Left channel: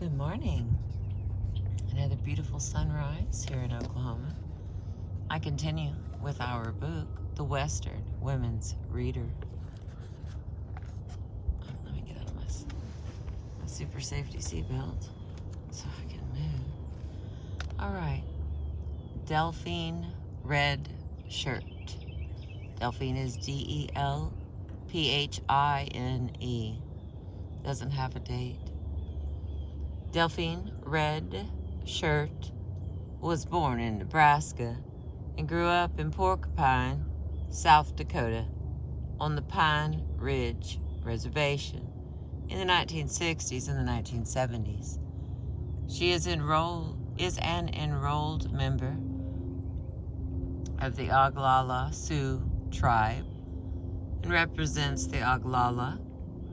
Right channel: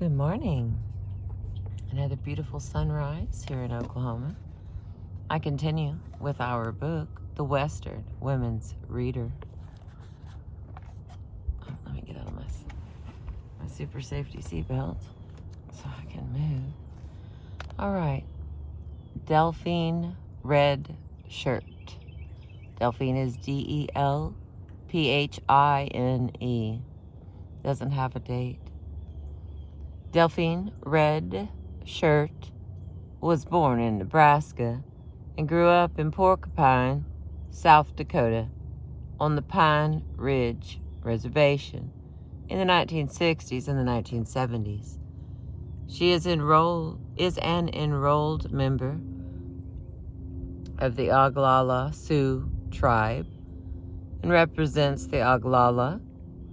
Good morning. Another beautiful sunrise here in Oklahoma. I continue with our book, The Western Women's Reader. Let me get out of my super safety seatbelt so I can move. All right. Delphine Red Shirt. Delphine is Delphine. Doesn't have a date. Delphine Red Shirt was born in Nebraska and grew up in Porcupine, South Dakota, on the Pine Ridge Reservation in the 1960s and the 1970s. She is an enrolled member of the Oglala Sioux tribe and represents the Oglala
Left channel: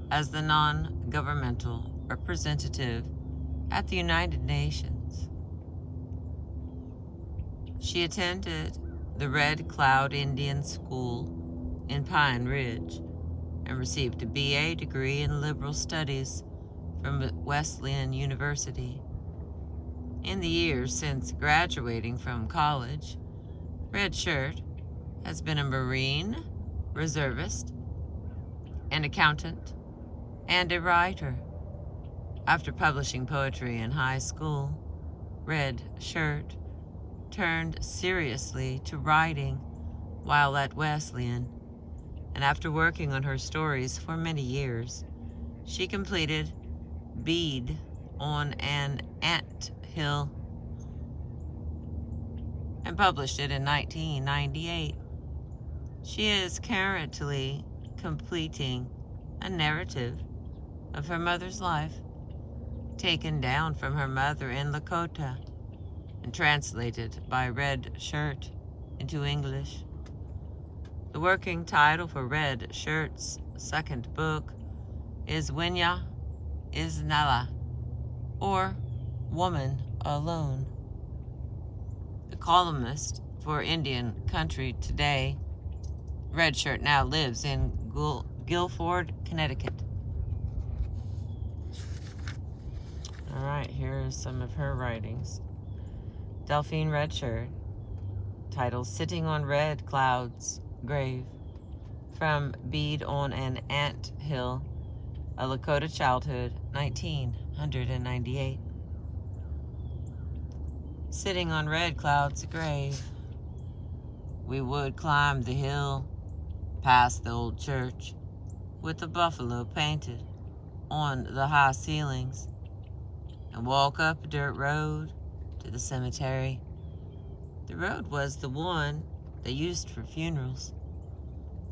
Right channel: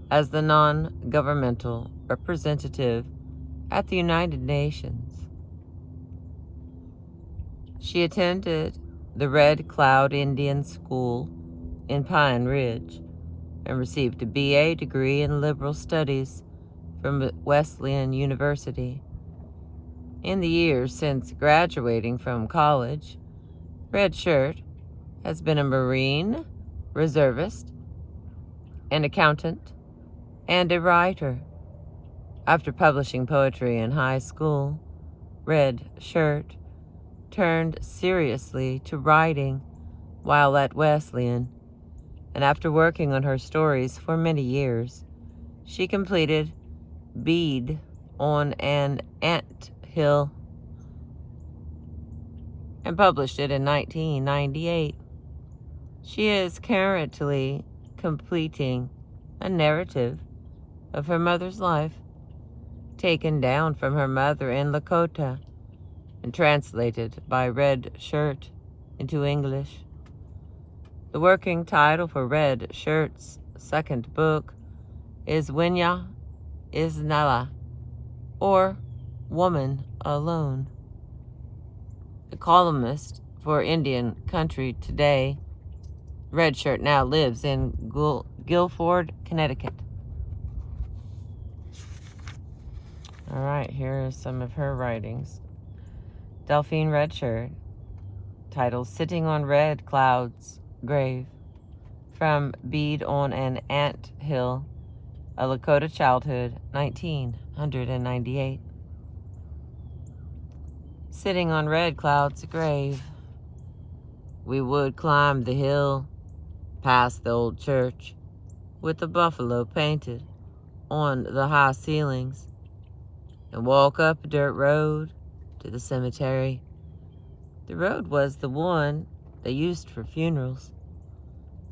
as the non-governmental representative at the United Nations. She attended the Red Cloud Indian School in Pine Ridge and received a BA degree in liberal studies from Wesleyan University. In the years since graduating from college, Red Shirt has been a Marine, reservist, an accountant, and a writer. After publishing poetry in high school, Red Shirt turned seriously to writing while at Wesleyan, and after working on her stories for many years, she completed Bead on an Ant Hill and published it in 1998. She is currently completing a narrative of her mother's life, taken down from her mother in Lakota and translated by Red Shirt into English. The working title for Red Shirt's second book is Winya Isnala, or Woman Alone. The columnist for Indian Country Today, Red Shirt now lives in Guilford, Connecticut. All right, here are some of her writings. Delphine Red Shirt, titled Sitting on Red Cloud's Grave, from Bead on an Ant Hill, A Lakota Childhood, 1998. Sitting on Red Cloud's grave, we would climb the hill, past the old church, with the buffalo painted on the high ceilings, and walk up a dirt road to the cemetery. The road was the one they used for funerals.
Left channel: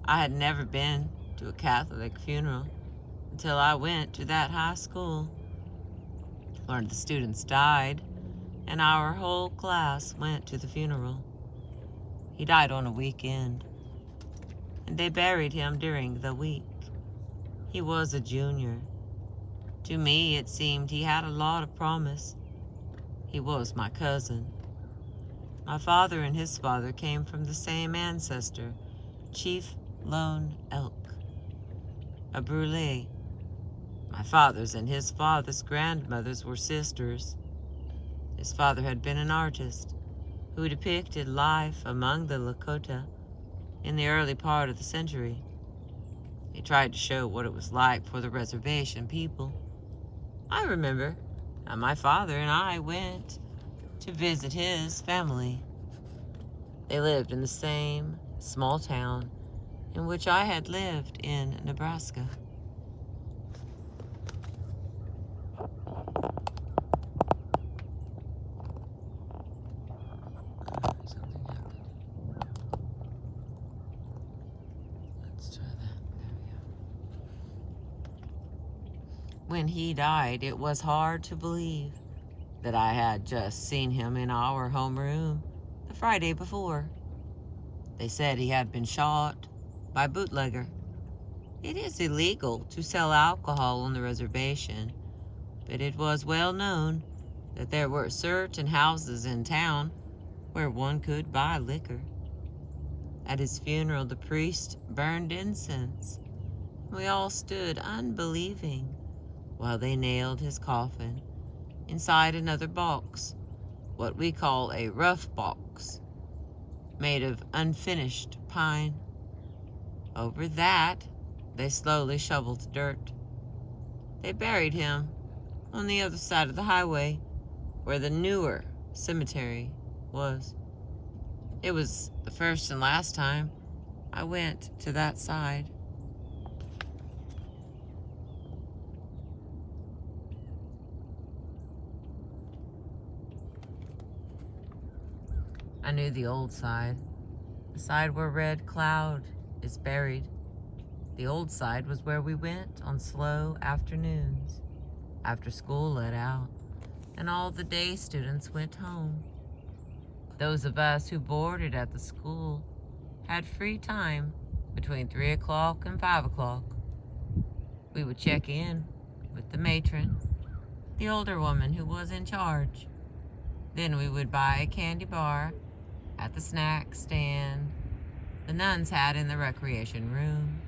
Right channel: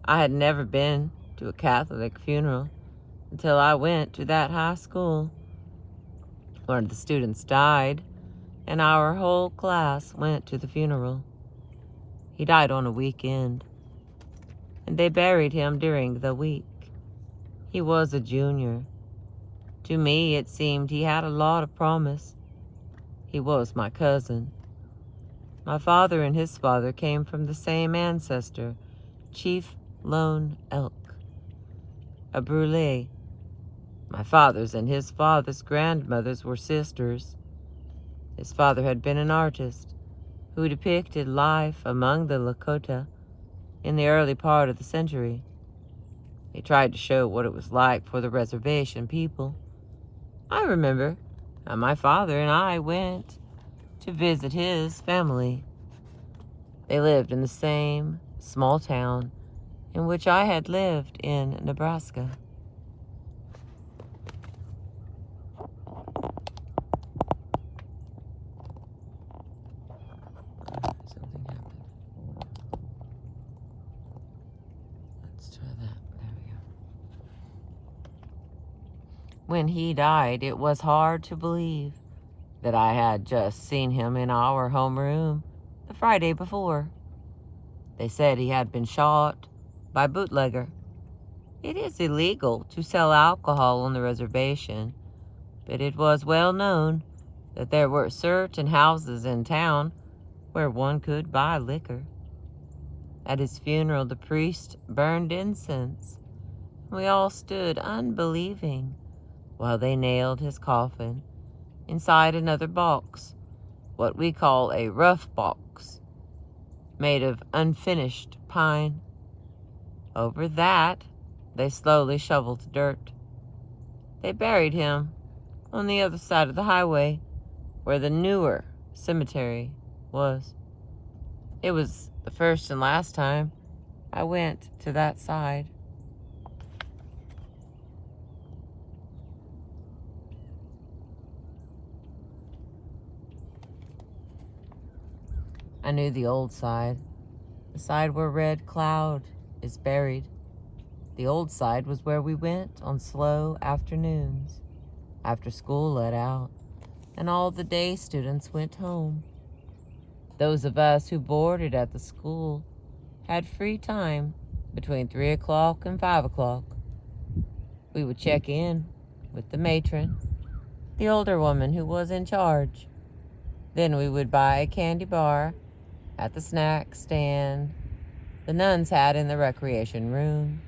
I had never been to a Catholic funeral until I went to that high school. One of the students died, and our whole class went to the funeral. He died on a weekend, and they buried him during the week. He was a junior. To me, it seemed he had a lot of promise. He was my cousin. My father and his father came from the same ancestor, Chief Lone Elk, a Brule. My father's and his father's grandmothers were sisters. His father had been an artist who depicted life among the Lakota in the early part of the century. He tried to show what it was like for the reservation people. I remember how my father and I went to visit his family. They lived in the same small town in which I had lived in Nebraska. Something happened. Let's try that. There we go. When he died, it was hard to believe that I had just seen him in our homeroom the Friday before. They said he had been shot by bootlegger. It is illegal to sell alcohol on the reservation, but it was well known that there were certain houses in town where one could buy liquor. At his funeral, the priest burned incense. We all stood unbelieving while they nailed his coffin inside another box, what we call a rough box, made of unfinished pine. Over that, they slowly shoveled dirt. They buried him on the other side of the highway, where the newer cemetery was. It was the first and last time I went to that side. I knew the old side, the side where Red Cloud is buried. The old side was where we went on slow afternoons, after school let out, and all the day students went home. Those of us who boarded at the school had free time between 3 o'clock and 5 o'clock. We would check in with the matron, the older woman who was in charge. Then we would buy a candy bar at the snack stand the nuns had in the recreation room.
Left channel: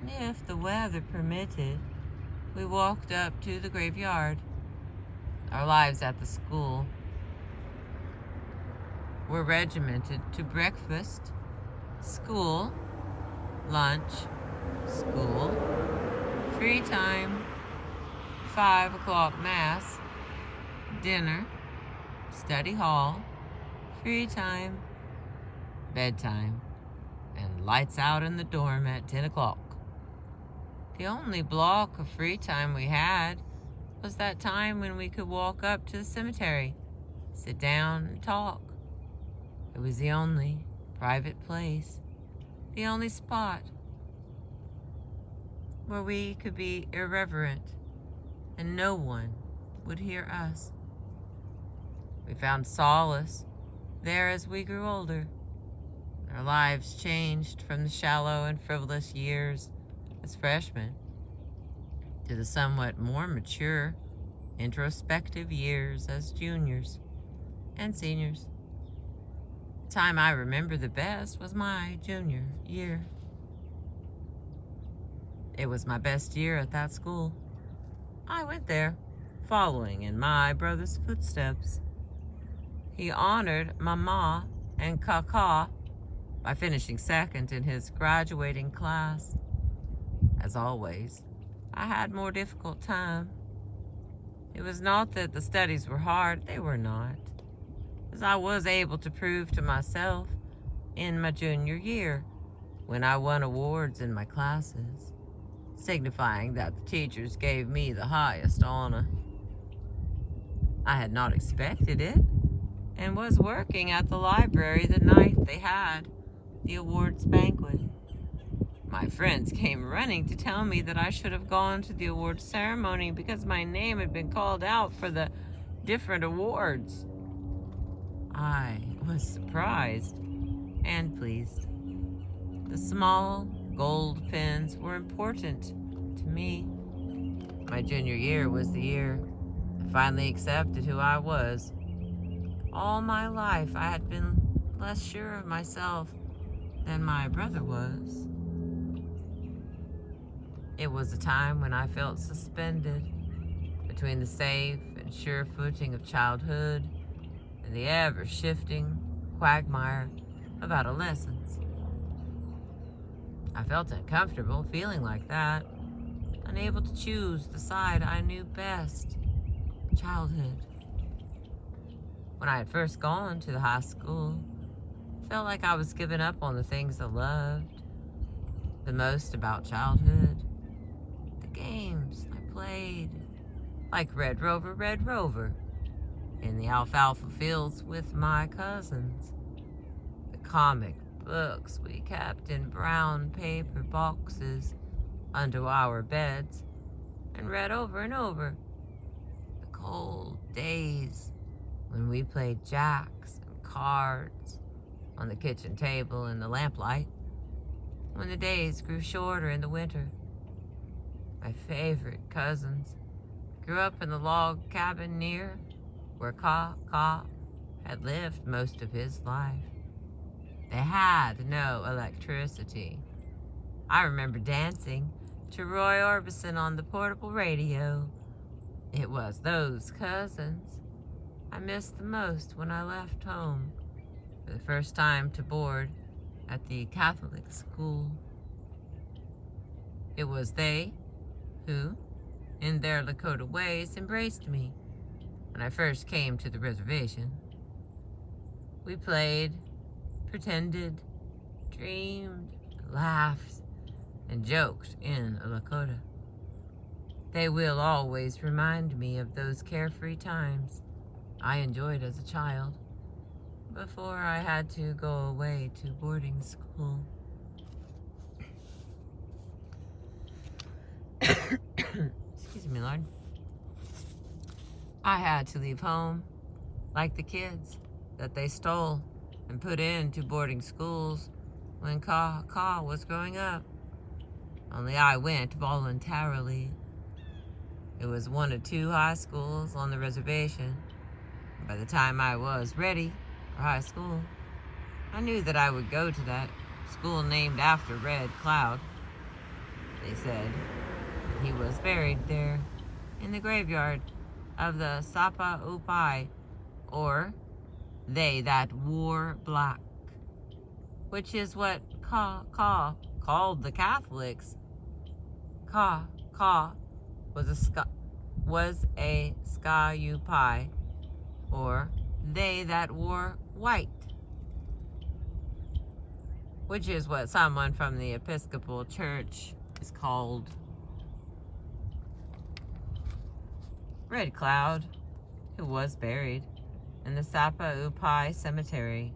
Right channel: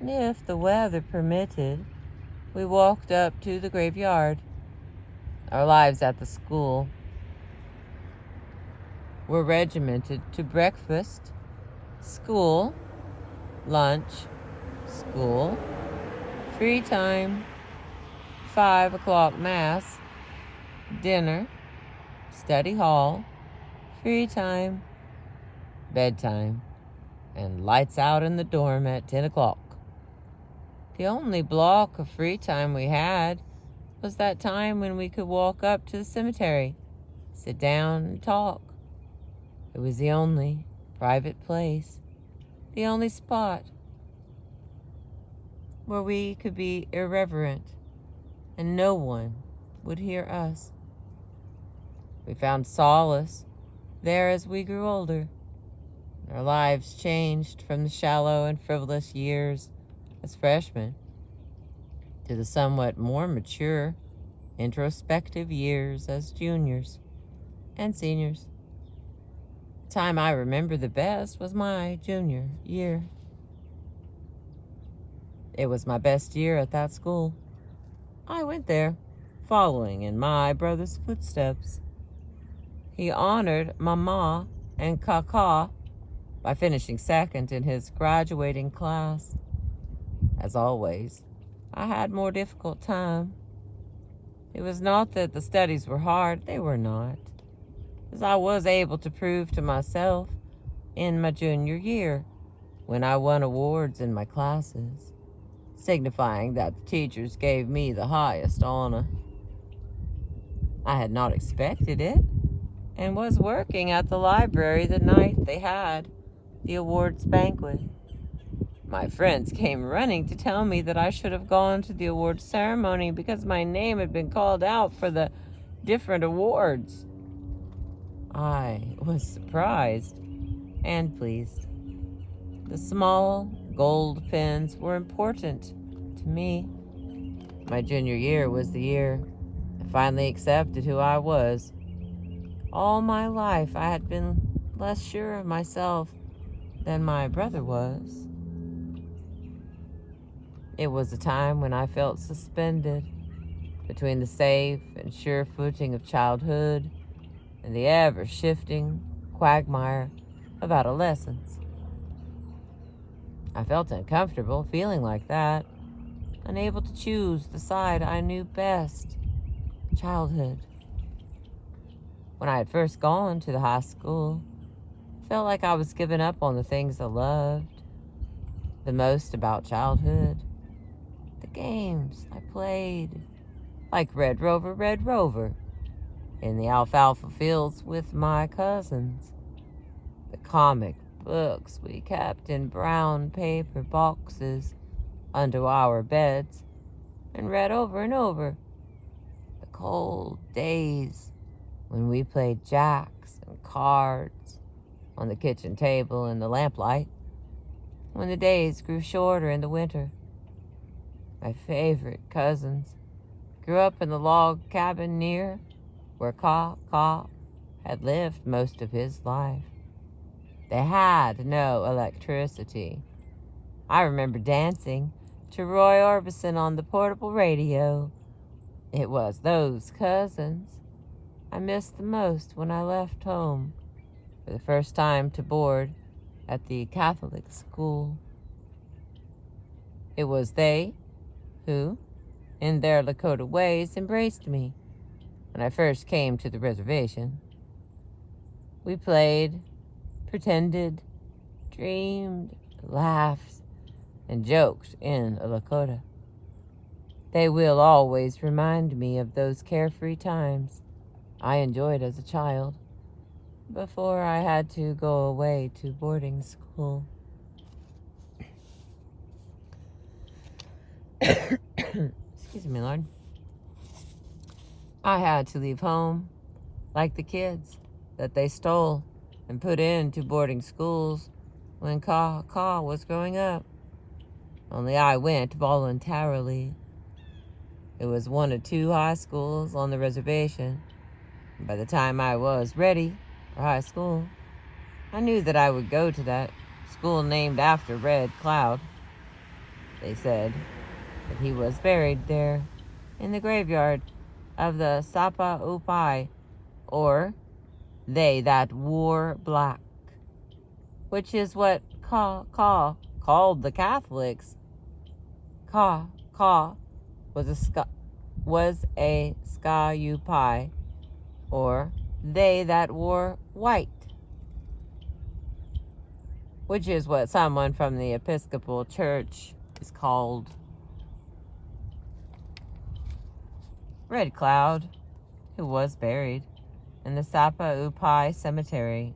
And if the weather permitted, we walked up to the graveyard. Our lives at the school were regimented to breakfast, school, lunch, school, free time, 5 o'clock mass, dinner, study hall, free time, bedtime, and lights out in the dorm at 10 o'clock. The only block of free time we had was that time when we could walk up to the cemetery, sit down and talk. It was the only private place, the only spot where we could be irreverent and no one would hear us. We found solace there as we grew older. Our lives changed from the shallow and frivolous years as freshmen to the somewhat more mature, introspective years as juniors and seniors. The time I remember the best was my junior year. It was my best year at that school. I went there, following in my brother's footsteps. He honored Mama and Kaka by finishing second in his graduating class. As always, I had more difficult time. It was not that the studies were hard, they were not, as I was able to prove to myself in my junior year when I won awards in my classes, signifying that the teachers gave me the highest honor. I had not expected it and was working at the library the night they had the awards banquet. My friends came running to tell me that I should have gone to the awards ceremony because my name had been called out for the different awards. I was surprised and pleased. The small gold pins were important to me. My junior year was the year I finally accepted who I was. All my life I had been less sure of myself than my brother was. It was a time when I felt suspended between the safe and sure footing of childhood and the ever-shifting quagmire of adolescence. I felt uncomfortable feeling like that, unable to choose the side I knew best, childhood. When I had first gone to the high school, I felt like I was giving up on the things I loved the most about childhood. The games I played, like Red Rover, in the alfalfa fields with my cousins. The comic books we kept in brown paper boxes under our beds and read over and over. The cold days when we played jacks and cards on the kitchen table in the lamplight, when the days grew shorter in the winter. My favorite cousins grew up in the log cabin near where Ka had lived most of his life. They had no electricity. I remember dancing to Roy Orbison on the portable radio It was those cousins I missed the most when I left home for the first time to board at the Catholic school. It was they who, in their Lakota ways, embraced me when I first came to the reservation. We played, pretended, dreamed, laughed, and joked in a Lakota. They will always remind me of those carefree times I enjoyed as a child before I had to go away to boarding school. Excuse me, Lord. I had to leave home like the kids that they stole and put into boarding schools when Ka was growing up. Only I went voluntarily. It was one of 2 high schools on the reservation. By the time I was ready for high school, I knew that I would go to that school named after Red Cloud. They said that he was buried there in the graveyard of the Sapa Upai, or they that wore black, which is what Ka called the Catholics. Ka was a Sca-U-Pai, or they that wore white, which is what someone from the Episcopal Church is called. Red Cloud, who was buried in the Sapa Upai Cemetery,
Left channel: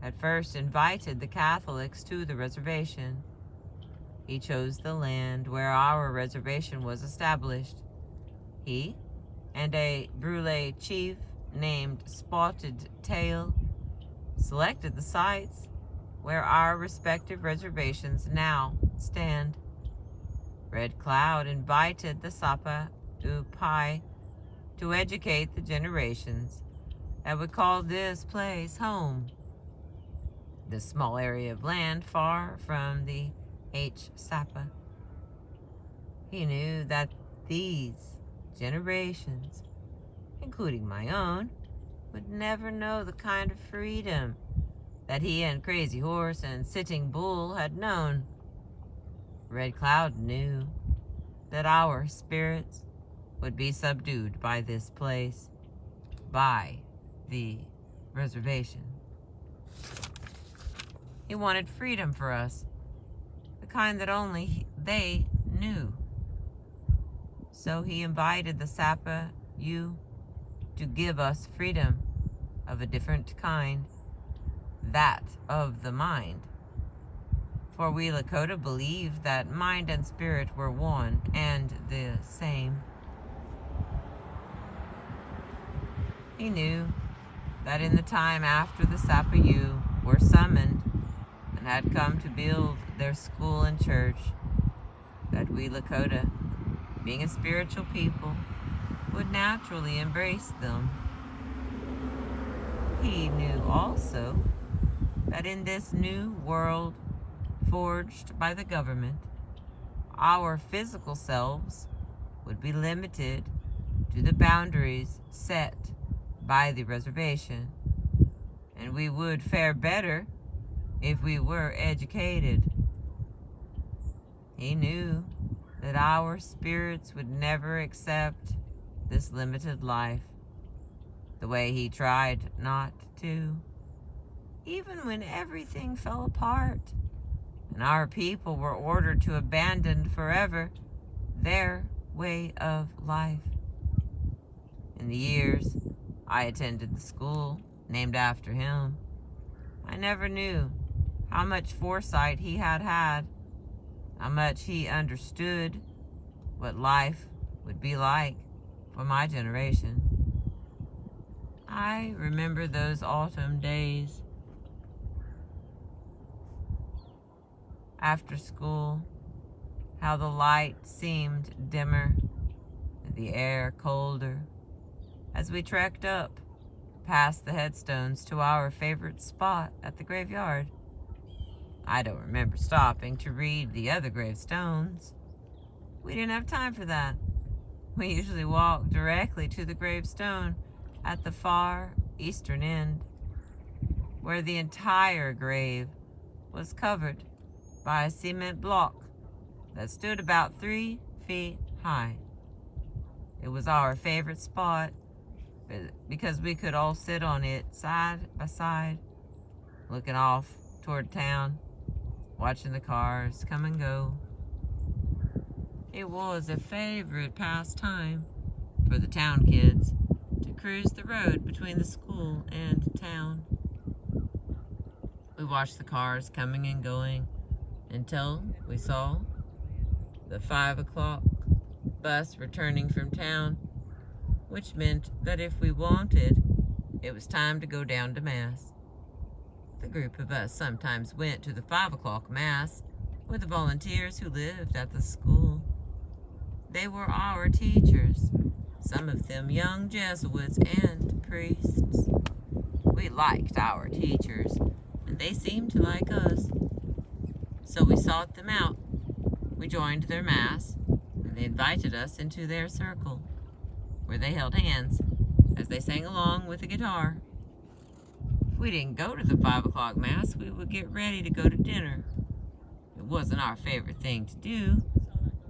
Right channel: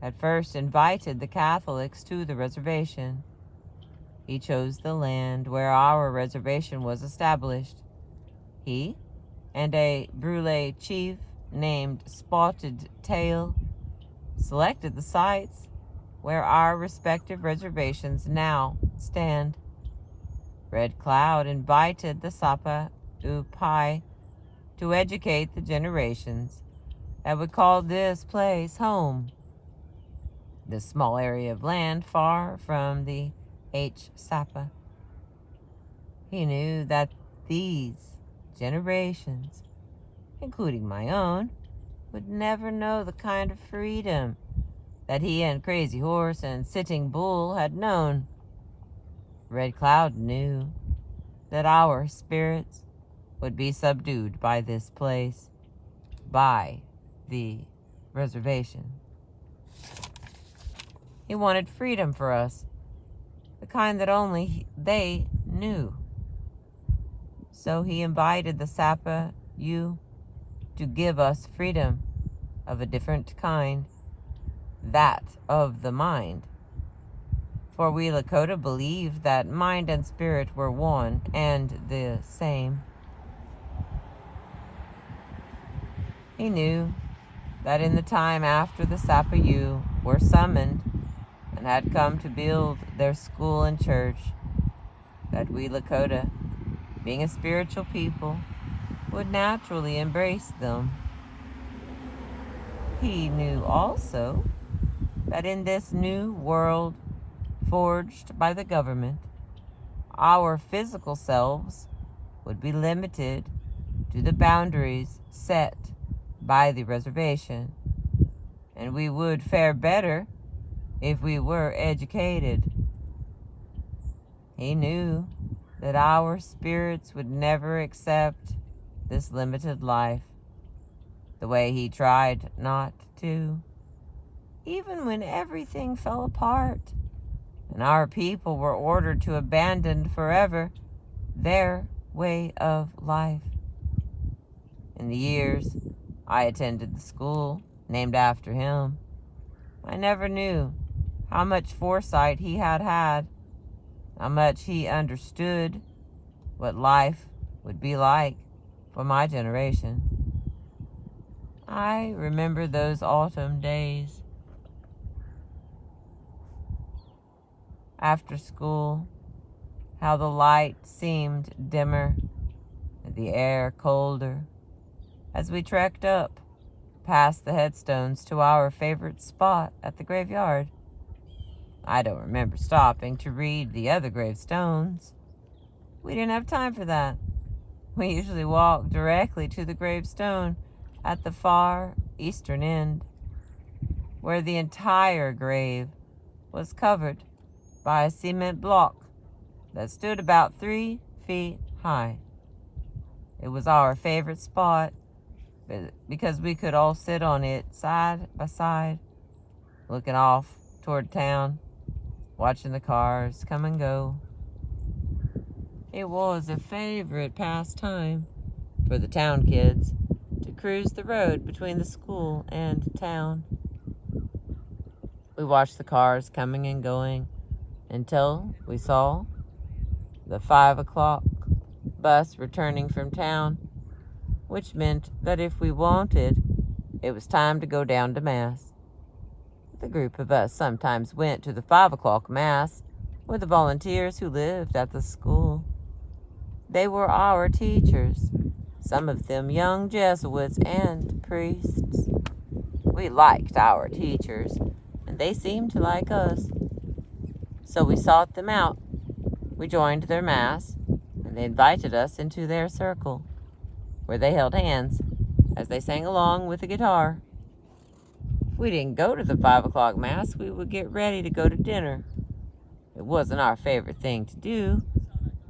had first invited the Catholics to the reservation. He chose the land where our reservation was established. He and a Brule chief named Spotted Tail selected the sites where our respective reservations now stand. Red Cloud invited the Sapa Upai to educate the generations that would call this place home. This small area of land far from the H-Sapa. He knew that these generations, including my own, would never know the kind of freedom that he and Crazy Horse and Sitting Bull had known. Red Cloud knew that our spirits would be subdued by this place, by the reservation. He wanted freedom for us, the kind that only they knew. So he invited the Sapa U to give us freedom of a different kind, that of the mind. For we Lakota believed that mind and spirit were one and the same. He knew that in the time after the Sapa U were summoned and had come to build their school and church, that we Lakota, being a spiritual people, would naturally embrace them. He knew also that in this new world forged by the government, our physical selves would be limited to the boundaries set by the reservation, and we would fare better if we were educated. He knew that our spirits would never accept this limited life, the way he tried not to, even when everything fell apart and our people were ordered to abandon forever their way of life. In the years I attended the school named after him, I never knew how much foresight he had, how much he understood what life would be like for my generation. I remember those autumn days after school, how the light seemed dimmer and the air colder as we trekked up past the headstones to our favorite spot at the graveyard. I don't remember stopping to read the other gravestones. We didn't have time for that. We usually walked directly to the gravestone at the far eastern end, where the entire grave was covered by a cement block that stood about 3 feet high. It was our favorite spot because we could all sit on it side by side, looking off toward town, watching the cars come and go. It was a favorite pastime for the town kids to cruise the road between the school and town. We watched the cars coming and going until we saw the 5 o'clock bus returning from town, which meant that if we wanted, it was time to go down to Mass. The group of us sometimes went to the 5 o'clock Mass with the volunteers who lived at the school. They were our teachers, some of them young Jesuits and priests. We liked our teachers, and they seemed to like us. So we sought them out. We joined their Mass, and they invited us into their circle, where they held hands as they sang along with a guitar. If we didn't go to the 5 o'clock Mass, we would get ready to go to dinner. It wasn't our favorite thing to do,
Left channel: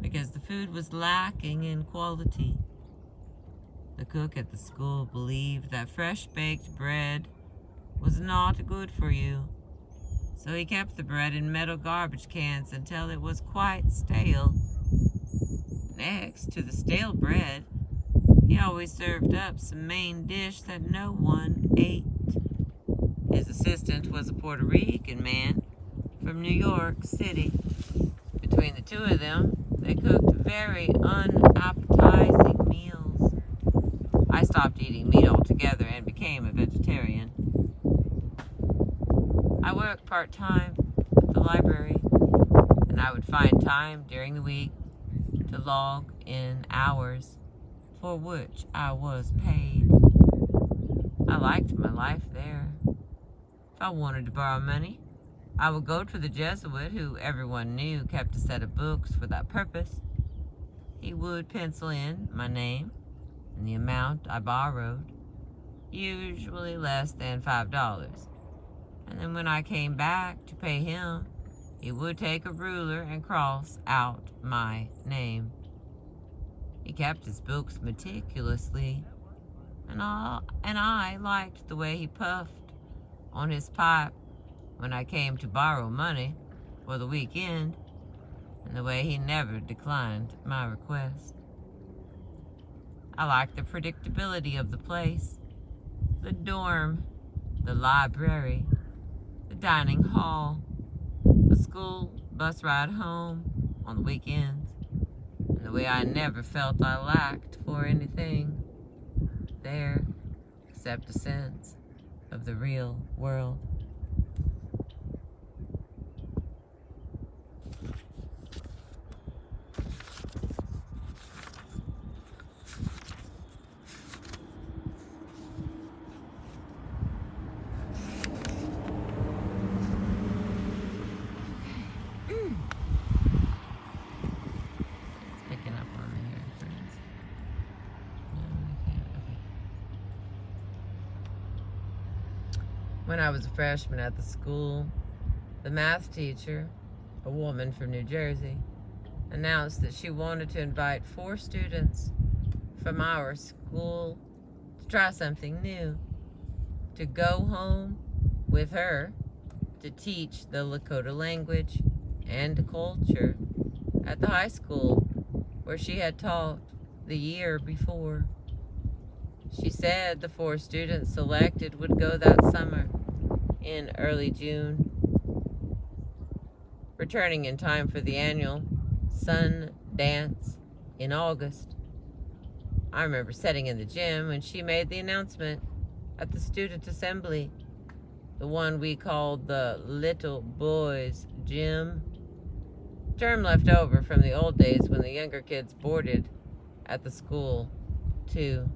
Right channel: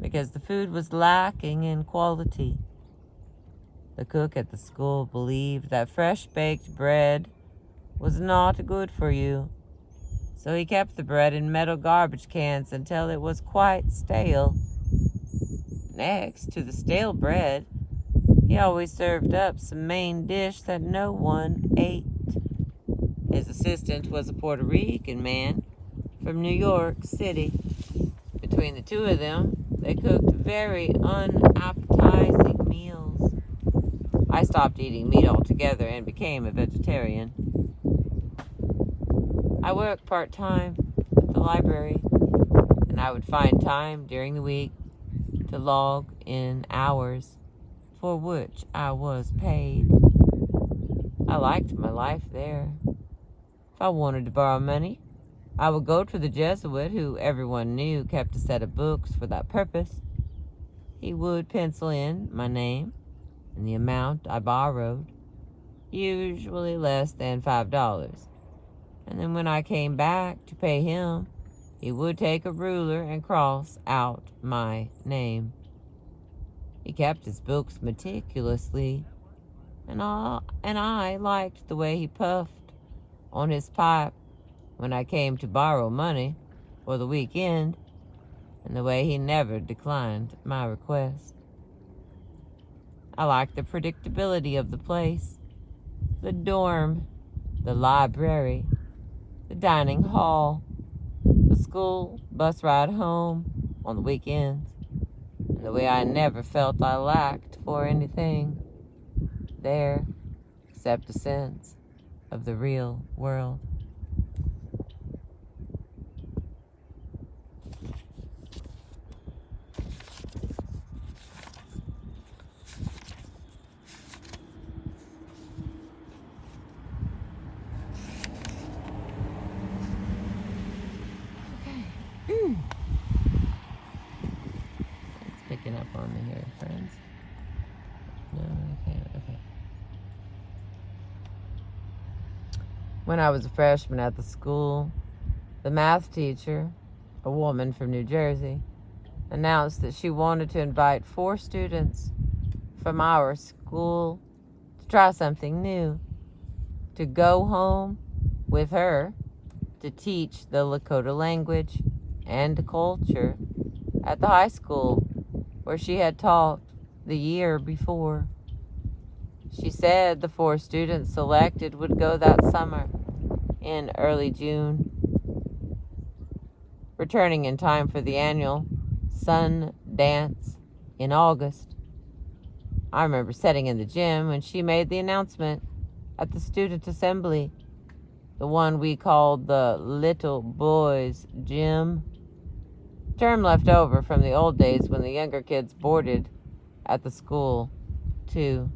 because the food was lacking in quality. The cook at the school believed that fresh-baked bread was not good for you, so he kept the bread in metal garbage cans until it was quite stale. Next to the stale bread, he always served up some main dish that no one ate. His assistant was a Puerto Rican man from New York City. Between the two of them, they cooked very unappetizing meals. I stopped eating meat altogether and became a vegetarian. I worked part-time at the library, and I would find time during the week to log in hours for which I was paid. I liked my life there. If I wanted to borrow money, I would go to the Jesuit, who everyone knew kept a set of books for that purpose. He would pencil in my name and the amount I borrowed, usually less than $5. And then when I came back to pay him, he would take a ruler and cross out my name. He kept his books meticulously, and I liked the way he puffed on his pipe when I came to borrow money for the weekend, and the way he never declined my request. I liked the predictability of the place, the dorm, the library, the dining hall, the school bus ride home on the weekends, and the way I never felt I lacked for anything there except a sense of the real world. Picking up on me here, friends. No, I can't. Okay. When I was a freshman at the school, the math teacher, a woman from New Jersey, announced that she wanted to invite 4 students from our school to try something new, to go home with her to teach the Lakota language and culture at the high school where she had taught the year before. She said the 4 students selected would go that summer in early June, returning in time for the annual Sun Dance in August. I remember sitting in the gym when she made the announcement at the student assembly, the one we called the Little Boys Gym, term left over from the old days when the younger kids boarded at the school, too.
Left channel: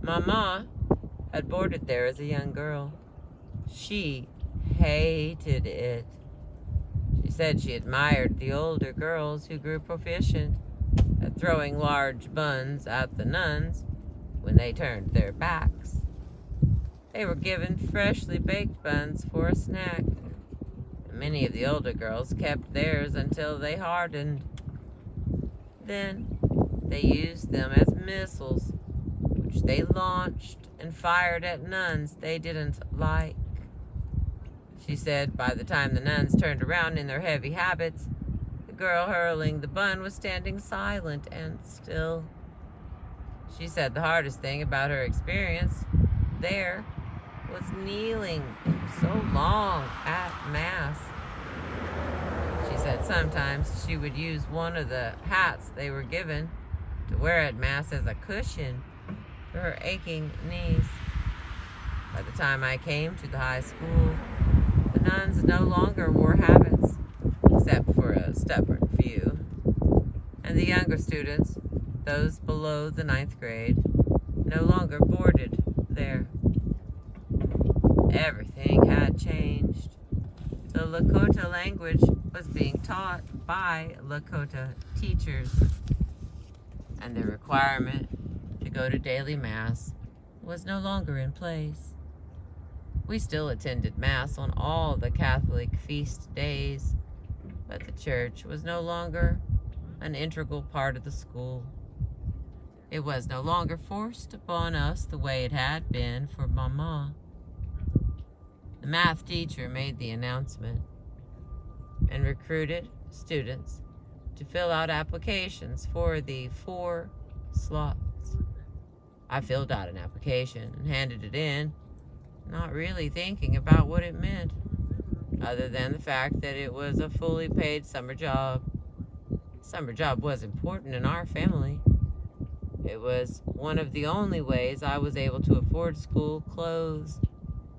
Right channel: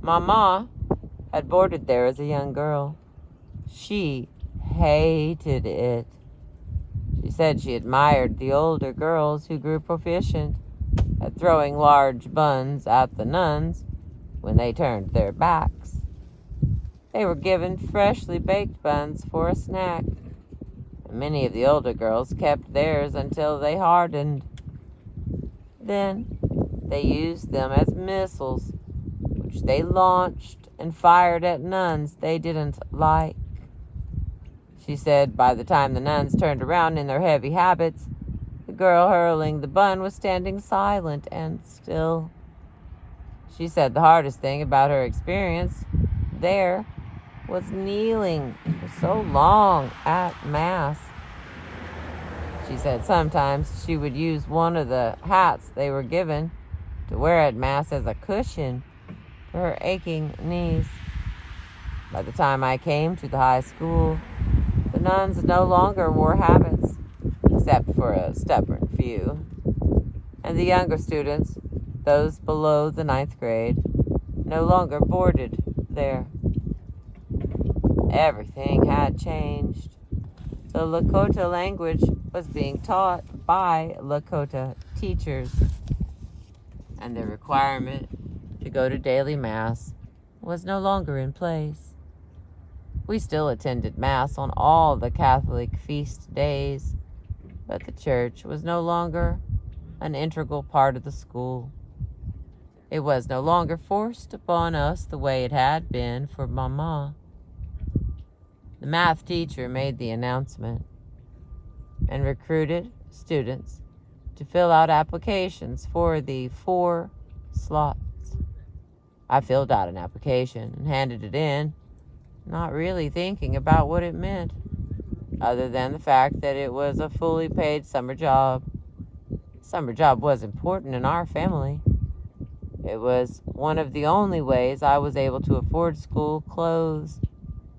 Mama had boarded there as a young girl. She hated it. She said she admired the older girls who grew proficient at throwing large buns at the nuns when they turned their backs. They were given freshly baked buns for a snack. Many of the older girls kept theirs until they hardened. Then they used them as missiles, which they launched and fired at nuns they didn't like. She said by the time the nuns turned around in their heavy habits, the girl hurling the bun was standing silent and still. She said the hardest thing about her experience there was kneeling for so long at Mass. She said sometimes she would use one of the hats they were given to wear at Mass as a cushion for her aching knees. By the time I came to the high school, the nuns no longer wore habits, except for a stubborn few. And the younger students, those below the 9th grade, no longer boarded there. Everything had changed. The Lakota language was being taught by Lakota teachers, and the requirement to go to daily Mass was no longer in place. We still attended Mass on all the Catholic feast days, but the church was no longer an integral part of the school. It was no longer forced upon us the way it had been for Mama. The math teacher made the announcement and recruited students to fill out applications for the 4 slots. I filled out an application and handed it in, not really thinking about what it meant, other than the fact that it was a fully paid summer job. Summer job was important in our family. It was one of the only ways I was able to afford school clothes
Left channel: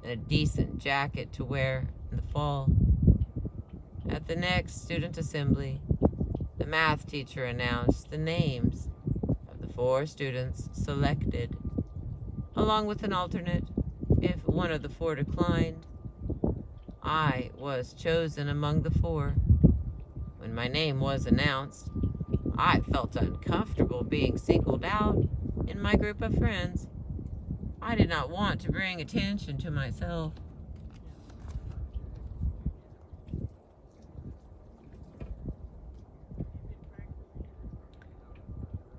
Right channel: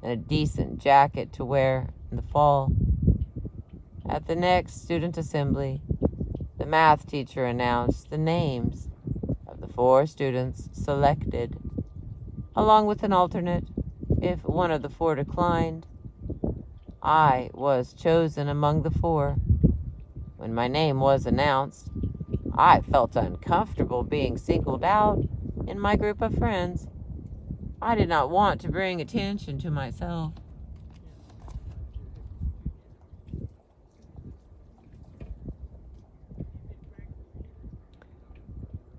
and a decent jacket to wear in the fall. At the next student assembly, the math teacher announced the names of the 4 students selected, along with an alternate if one of the 4 declined. I was chosen among the 4. When my name was announced, I felt uncomfortable being singled out in my group of friends. I did not want to bring attention to myself.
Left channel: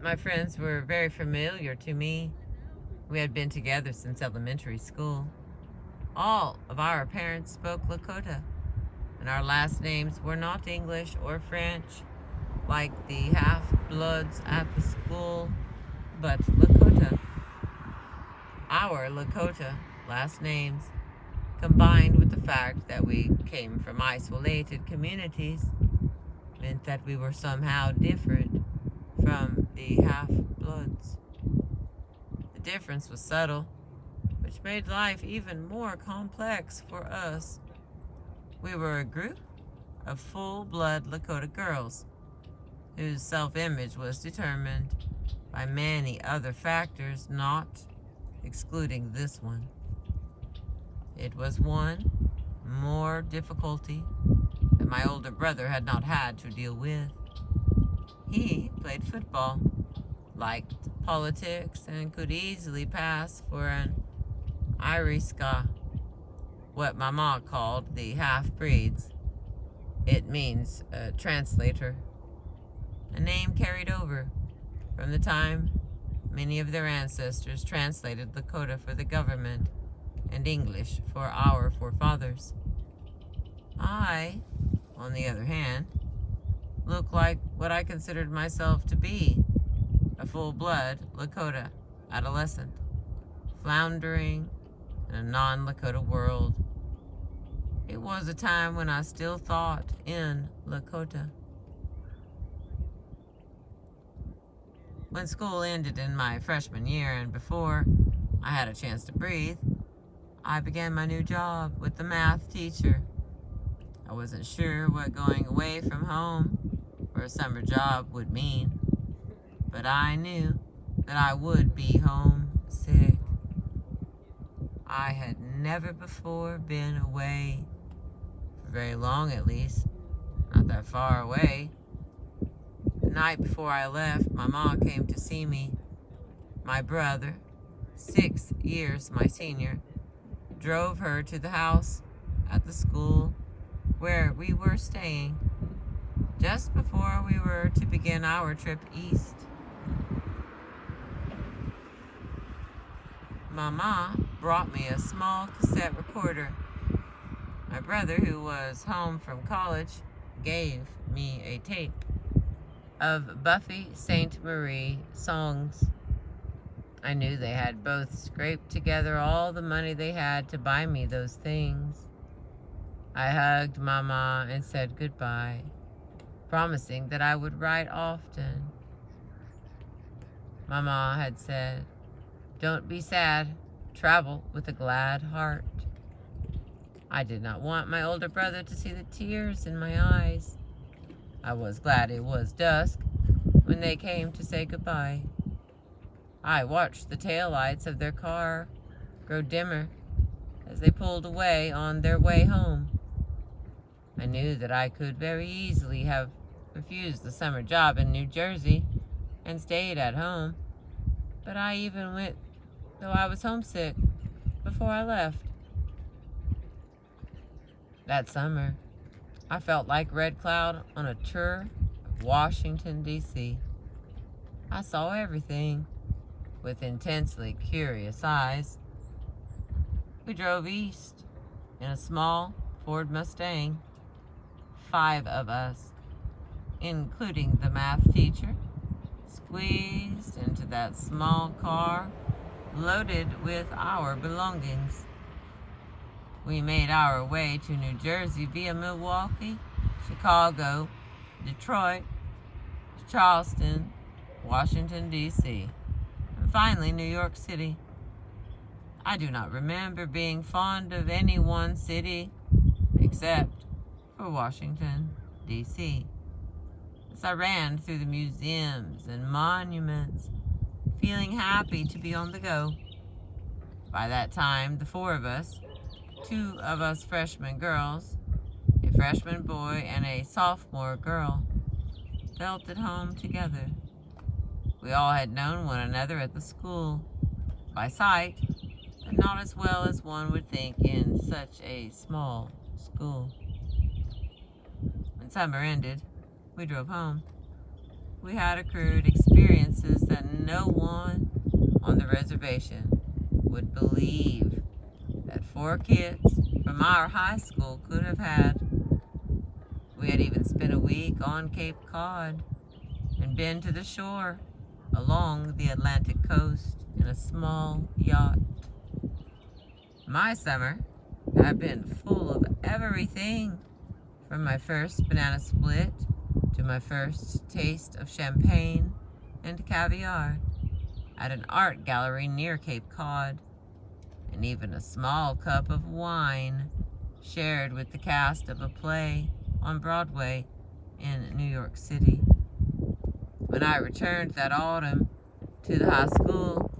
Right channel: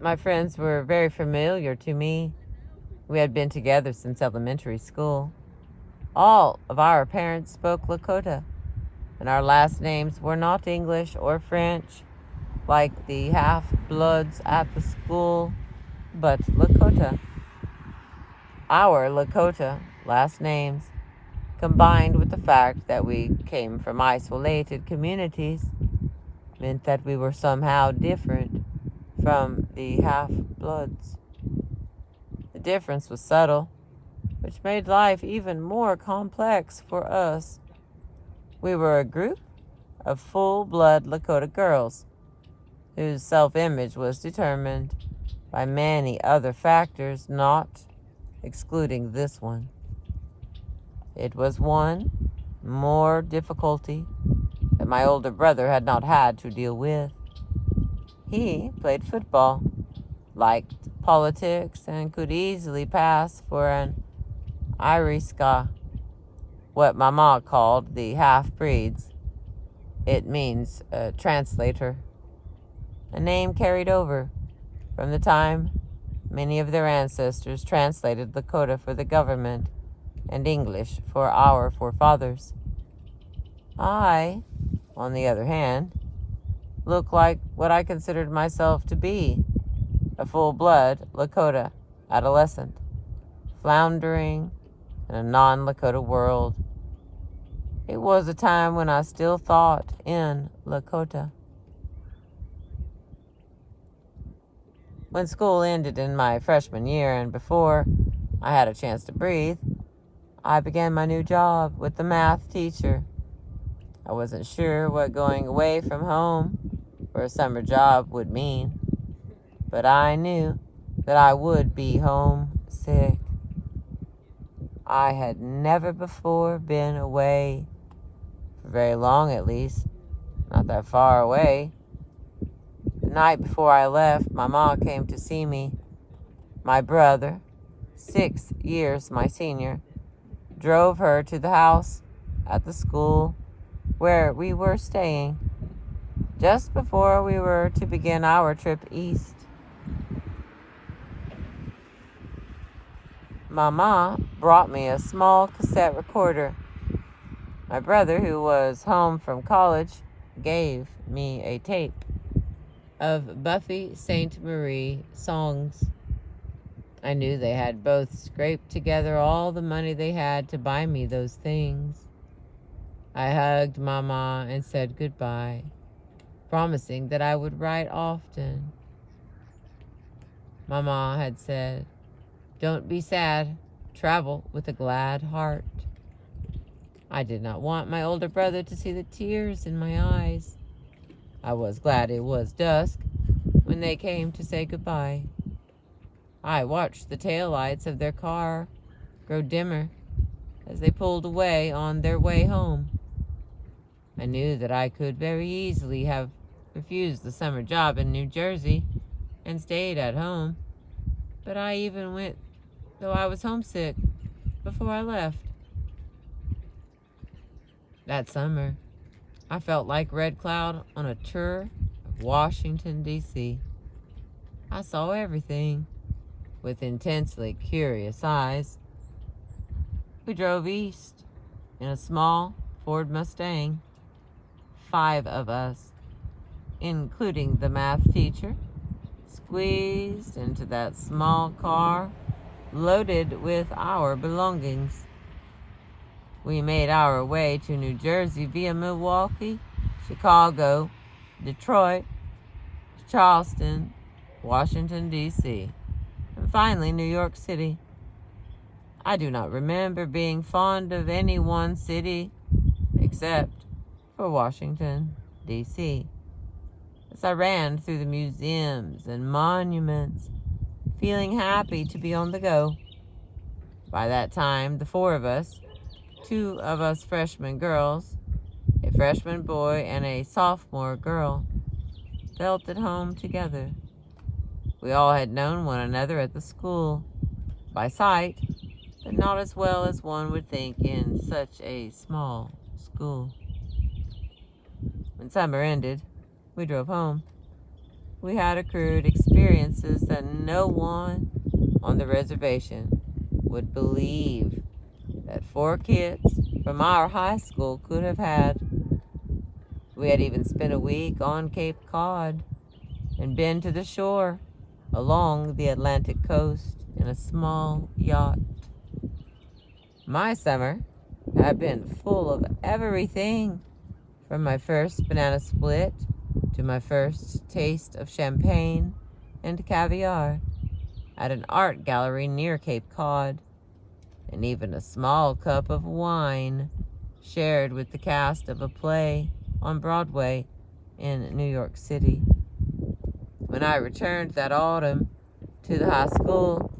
My friends were very familiar to me. We had been together since elementary school. All of our parents spoke Lakota, and our last names were not English or French, like the half-bloods at the school, but Lakota. Our Lakota last names, combined with the fact that we came from isolated communities, meant that we were somehow different from the half-bloods. The difference was subtle, which made life even more complex for us. We were a group of full-blood Lakota girls whose self-image was determined by many other factors, not excluding this one. It was one more difficulty that my older brother had not had to deal with. He played football, liked politics, and could easily pass for an Iriska, what Mama called the half-breeds. It means translator, a name carried over from the time many of their ancestors translated Lakota for the government and English for our forefathers. I, on the other hand, looked like what I considered myself to be, a full-blood Lakota adolescent, floundering in a non-Lakota world. It was a time when I still thought in Lakota. When school ended in my freshman year and before I had a chance to breathe, I began my new job with the math teacher. I wasn't sure what going away from home for a summer job would mean, but I knew that I would be homesick. I had never before been away, for very long at least, not that far away. The night before I left, my mom came to see me. My brother, 6 years my senior, drove her to the house at the school where we were staying just before we were to begin our trip east. Mama brought me a small cassette recorder. My brother, who was home from college, gave me a tape of Buffy Sainte-Marie songs. I knew they had both scraped together all the money they had to buy me those things. I hugged Mama and said goodbye, promising that I would write often. Mama had said, "Don't be sad, travel with a glad heart." I did not want my older brother to see the tears in my eyes. I was glad it was dusk when they came to say goodbye. I watched the taillights of their car grow dimmer as they pulled away on their way home. I knew that I could very easily have refused the summer job in New Jersey and stayed at home, but I even went, though I was homesick, before I left. That summer, I felt like Red Cloud on a tour of Washington, D.C. I saw everything with intensely curious eyes. We drove east in a small Ford Mustang. 5 of us, including the math teacher, squeezed into that small car loaded with our belongings. We made our way to New Jersey via Milwaukee, Chicago, Detroit, Charleston, Washington, D.C., and finally New York City. I do not remember being fond of any one city except for Washington, D.C. As I ran through the museums and monuments, feeling happy to be on the go. By that time, the 4 of us, 2 of us freshman girls, a freshman boy and a sophomore girl, felt at home together. We all had known one another at the school, by sight, but not as well as one would think in such a small school. When summer ended, we drove home. We had accrued experiences that no one on the reservation would believe that 4 kids from our high school could have had. We had even spent a week on Cape Cod and been to the shore along the Atlantic coast in a small yacht. My summer had been full of everything, from my first banana split to my first taste of champagne and caviar at an art gallery near Cape Cod, and even a small cup of wine shared with the cast of a play on Broadway in New York City. When I returned that autumn to the high school,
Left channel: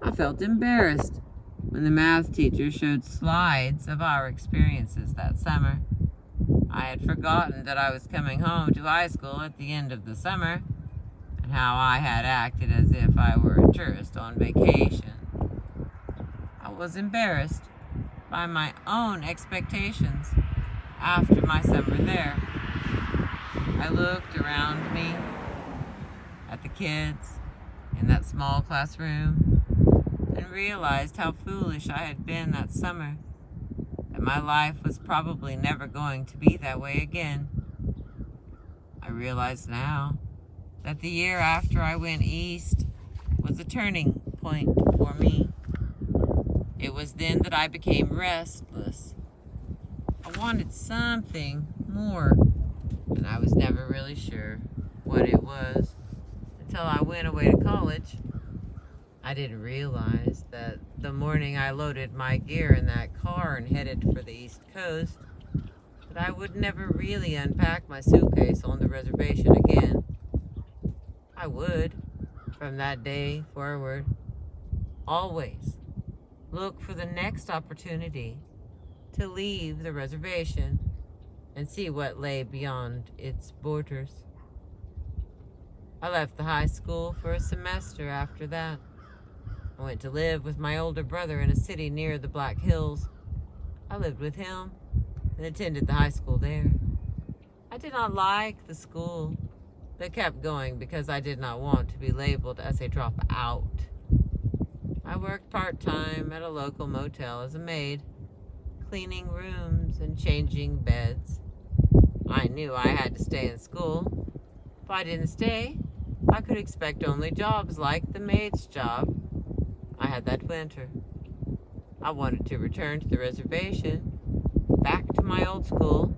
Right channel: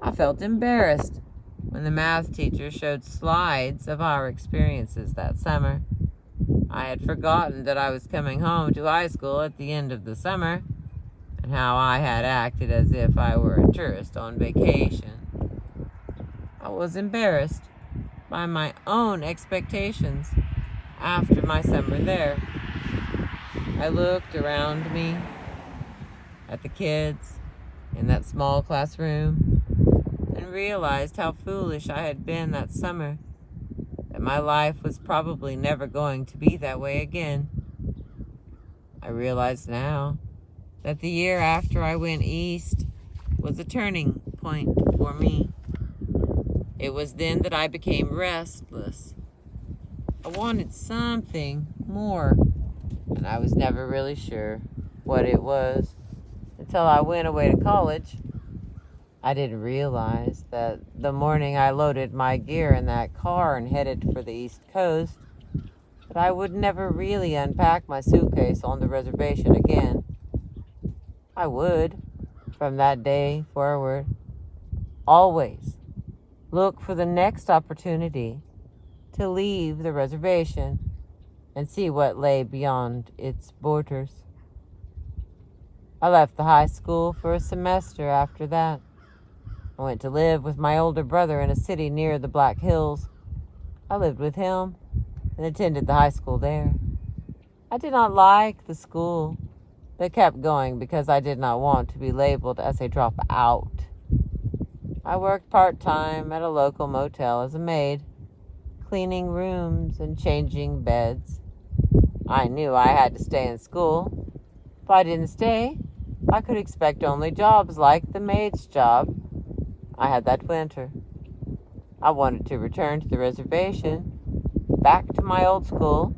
I felt embarrassed when the math teacher showed slides of our experiences that summer. I had forgotten that I was coming home to high school at the end of the summer, and how I had acted as if I were a tourist on vacation. I was embarrassed by my own expectations after my summer there. I looked around me at the kids in that small classroom and realized how foolish I had been that summer, that my life was probably never going to be that way again. I realize now that the year after I went east was a turning point for me. It was then that I became restless. I wanted something more, and I was never really sure what it was until I went away to college. I didn't realize that the morning I loaded my gear in that car and headed for the East Coast, that I would never really unpack my suitcase on the reservation again. I would, from that day forward, always look for the next opportunity to leave the reservation and see what lay beyond its borders. I left the high school for a semester after that. I went to live with my older brother in a city near the Black Hills. I lived with him and attended the high school there. I did not like the school, but kept going because I did not want to be labeled as a dropout. I worked part-time at a local motel as a maid, cleaning rooms and changing beds. I knew I had to stay in school. If I didn't stay, I could expect only jobs like the maid's job I had that winter. I wanted to return to the reservation, back to my old school,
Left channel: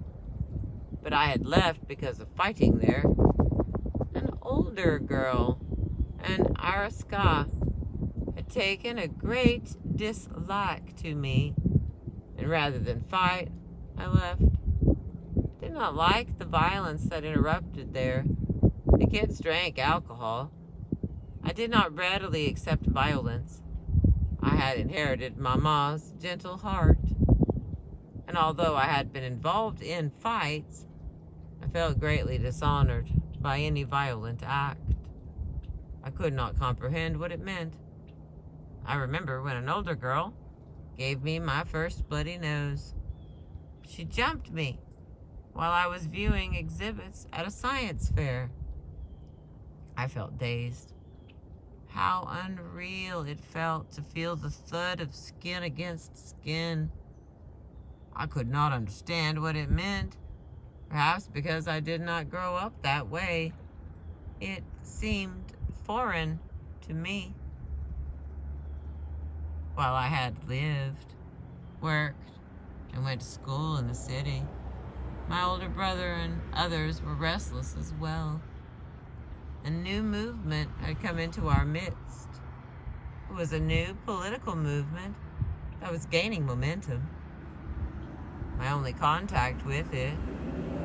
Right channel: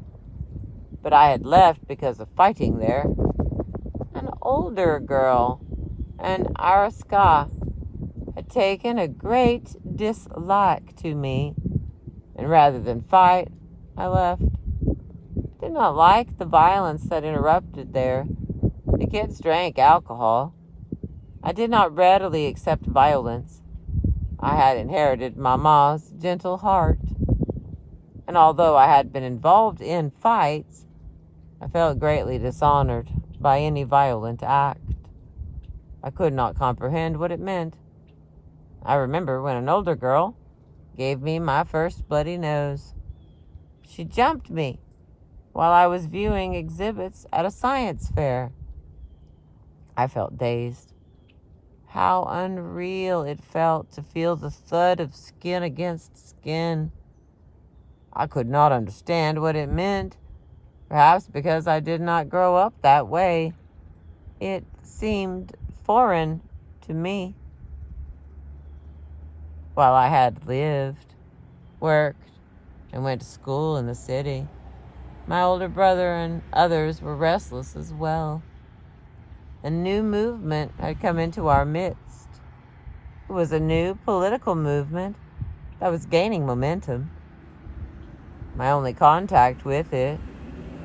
but I had left because of fighting there. An older girl, an Araska, had taken a great dislike to me, and rather than fight, I left. Did not like the violence that interrupted there. The kids drank alcohol. I did not readily accept violence. I had inherited Mama's gentle heart, and although I had been involved in fights, I felt greatly dishonored by any violent act. I could not comprehend what it meant. I remember when an older girl gave me my first bloody nose. She jumped me while I was viewing exhibits at a science fair. I felt dazed. How unreal it felt to feel the thud of skin against skin. I could not understand what it meant, perhaps because I did not grow up that way. It seemed foreign to me. While I had lived, worked, and went to school in the city, my older brother and others were restless as well. A new movement had come into our midst. It was a new political movement that was gaining momentum. My only contact with it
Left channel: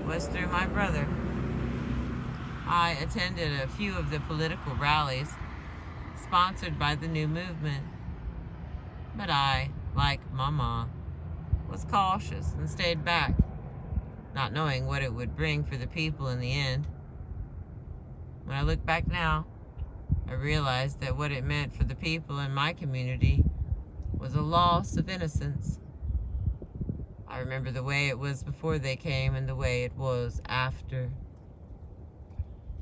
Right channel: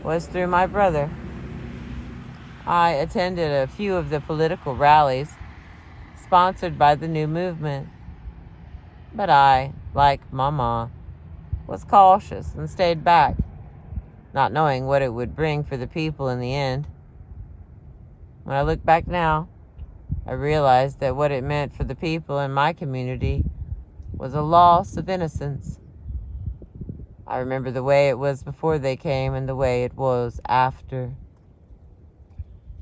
was through my brother. I attended a few of the political rallies sponsored by the new movement, but I, like Mama, was cautious and stayed back, not knowing what it would bring for the people in the end. When I look back now, I realized that what it meant for the people in my community was a loss of innocence. I remember the way it was before they came and the way it was after.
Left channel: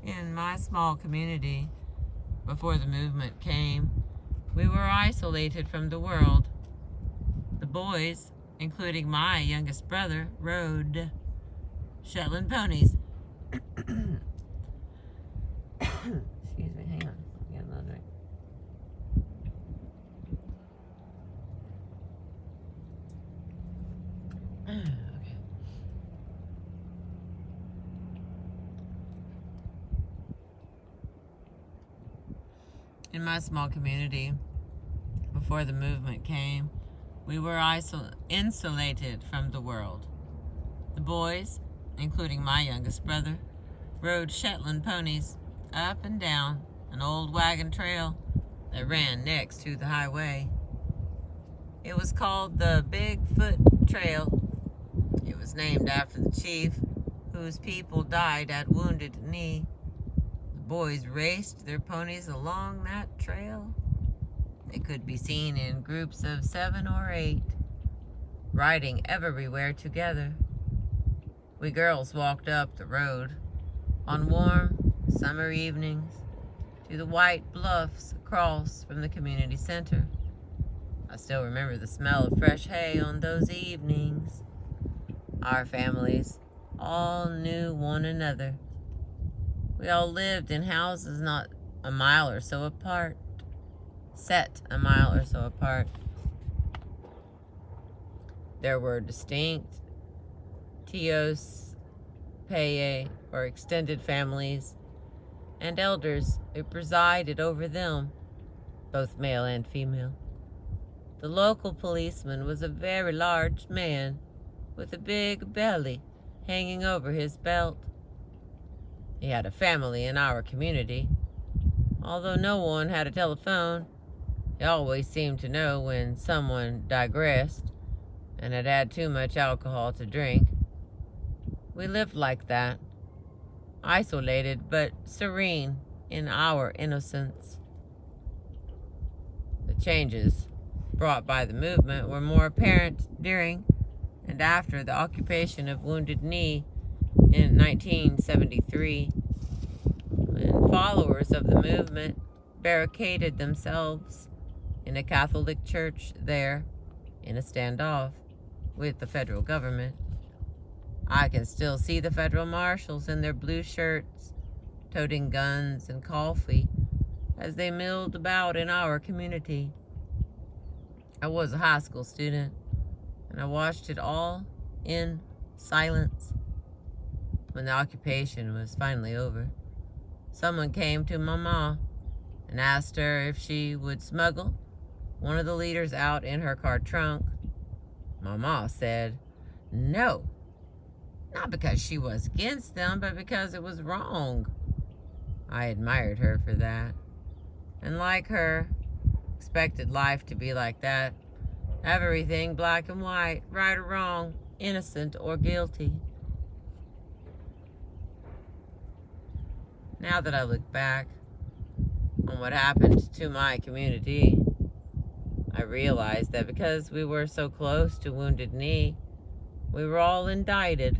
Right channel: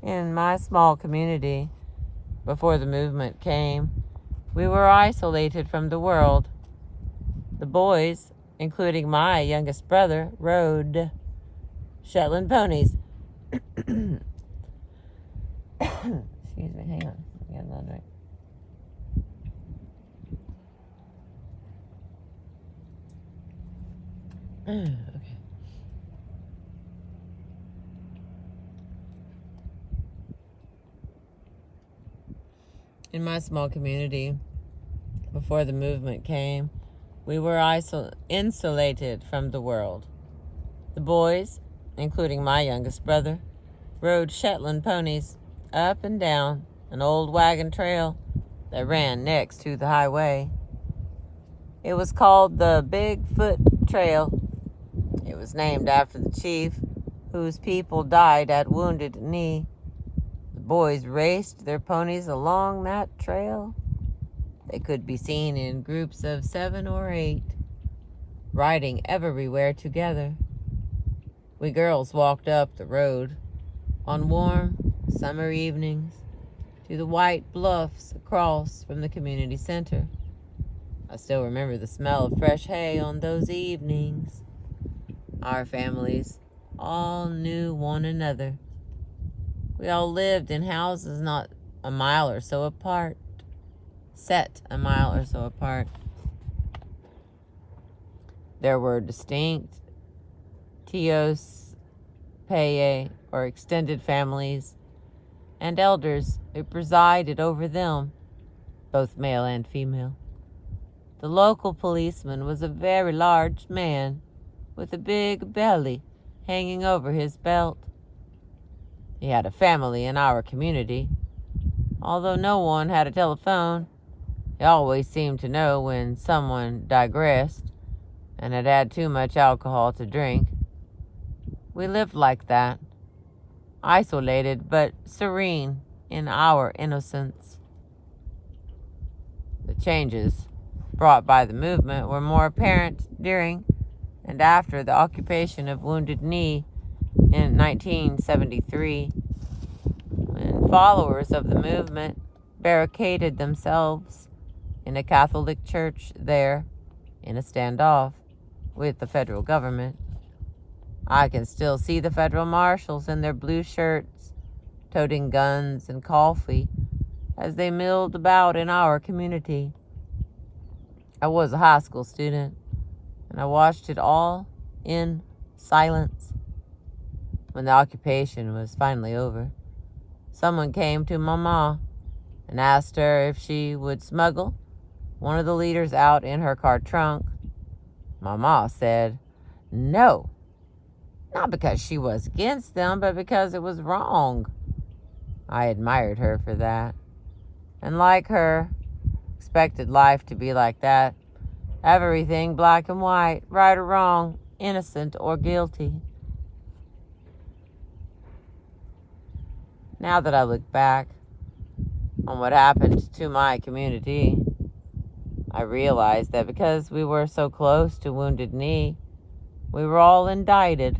In my small community, before the movement came, we were isolated from the world. The boys, including my youngest brother, rode Shetland ponies. Excuse me, hang on. Get another drink. Okay. In my small community, before the movement came, we were insulated from the world. The boys, including my youngest brother, rode Shetland ponies up and down an old wagon trail that ran next to the highway. It was called the Bigfoot Trail. It was named after the chief whose people died at Wounded Knee. The boys raced their ponies along that trail. They could be seen in groups of 7 or 8, riding everywhere together. We girls walked up the road on warm summer evenings to the white bluffs across from the community center. I still remember the smell of fresh hay on those evenings. Our families all knew one another. We all lived in houses not a mile or so apart, set a mile or so apart. There were distinct tios, paye, or extended families, and elders who presided over them, both male and female. The local policeman was a very large man with a big belly hanging over his belt. He had a family in our community. Although no one had a telephone, he always seemed to know when someone digressed and had had too much alcohol to drink. We lived like that, isolated but serene in our innocence. The changes brought by the movement were more apparent during and after the occupation of Wounded Knee in 1973, when followers of the movement barricaded themselves in a Catholic church there in a standoff with the federal government. I can still see the federal marshals in their blue shirts, toting guns and coffee as they milled about in our community. I was a high school student, and I watched it all in silence. When the occupation was finally over, someone came to Mama and asked her if she would smuggle one of the leaders out in her car trunk. Mama said no, not because she was against them, but because it was wrong. I admired her for that, and like her, expected life to be like that. Everything black and white, right or wrong, innocent or guilty. Now that I look back on what happened to my community, I realize that because we were so close to Wounded Knee, we were all indicted.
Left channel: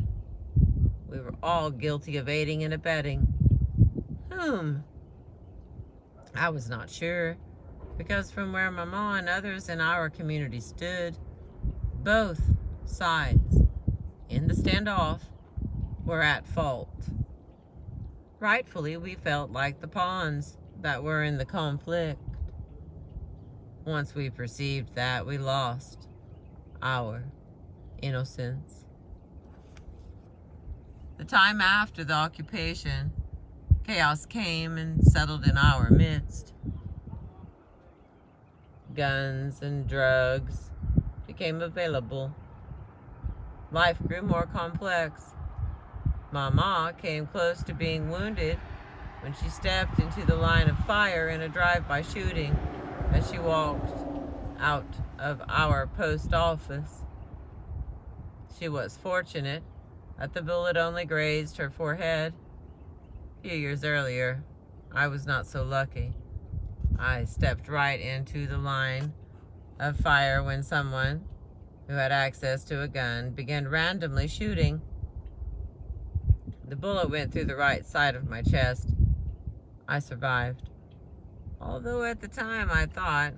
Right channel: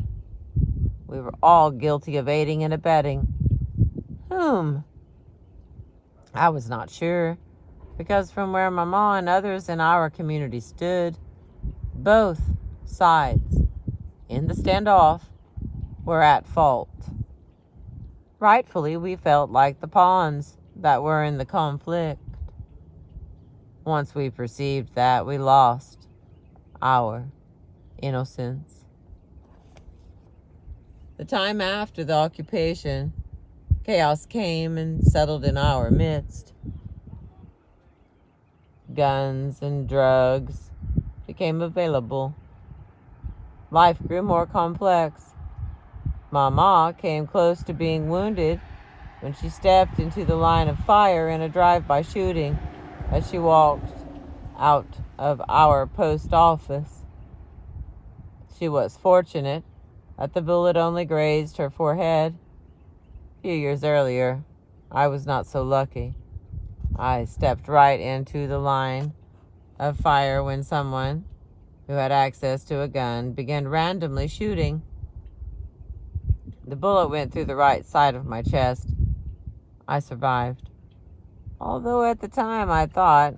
We were all guilty of aiding and abetting. Whom? I was not sure, because from where Mama and others in our community stood, both sides in the standoff were at fault. Rightfully, we felt like the pawns that were in the conflict. Once we perceived that, we lost our innocence. The time after the occupation, chaos came and settled in our midst. Guns and drugs became available. Life grew more complex. Mama came close to being wounded when she stepped into the line of fire in a drive-by shooting as she walked out of our post office. She was fortunate that the bullet only grazed her forehead. A few years earlier, I was not so lucky. I stepped right into the line of fire when someone who had access to a gun began randomly shooting. The bullet went through the right side of my chest. I survived. Although at the time I thought,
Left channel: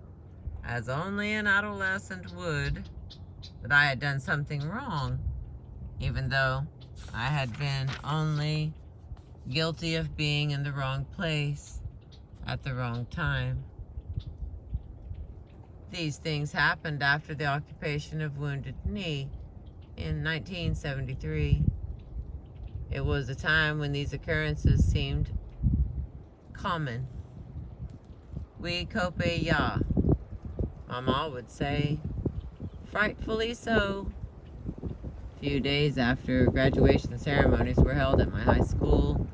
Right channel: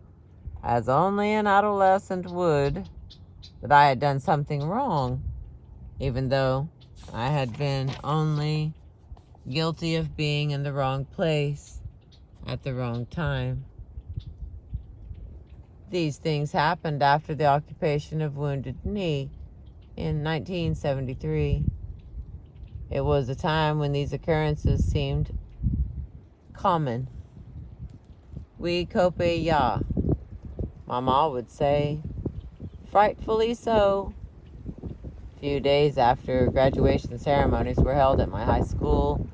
as only an adolescent would, that I had done something wrong, even though I had been only guilty of being in the wrong place at the wrong time. These things happened after the occupation of Wounded Knee in 1973. It was a time when these occurrences seemed common. We cope ya, Mama would say, frightfully so. A few days after graduation ceremonies were held at my high school,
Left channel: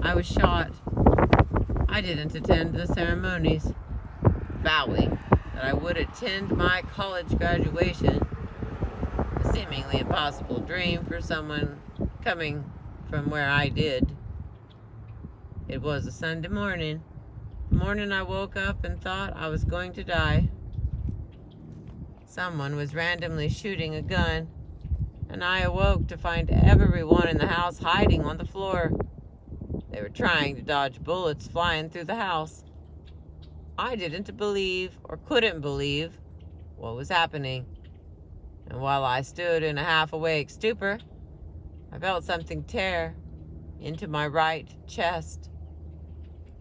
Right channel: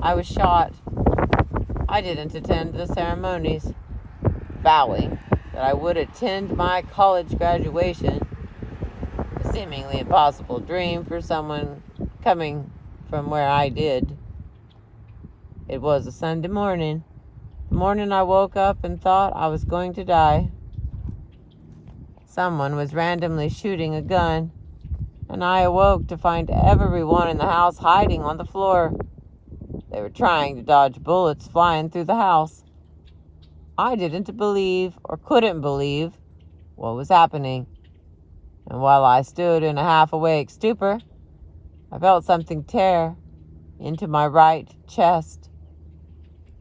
I was shot. I didn't attend the ceremonies, vowing that I would attend my college graduation, a seemingly impossible dream for someone coming from where I did. It was a Sunday morning, the morning I woke up and thought I was going to die. Someone was randomly shooting a gun, and I awoke to find everyone in the house hiding on the floor. They were trying to dodge bullets flying through the house. I didn't believe or couldn't believe what was happening. And while I stood in a half-awake stupor, I felt something tear into my right chest.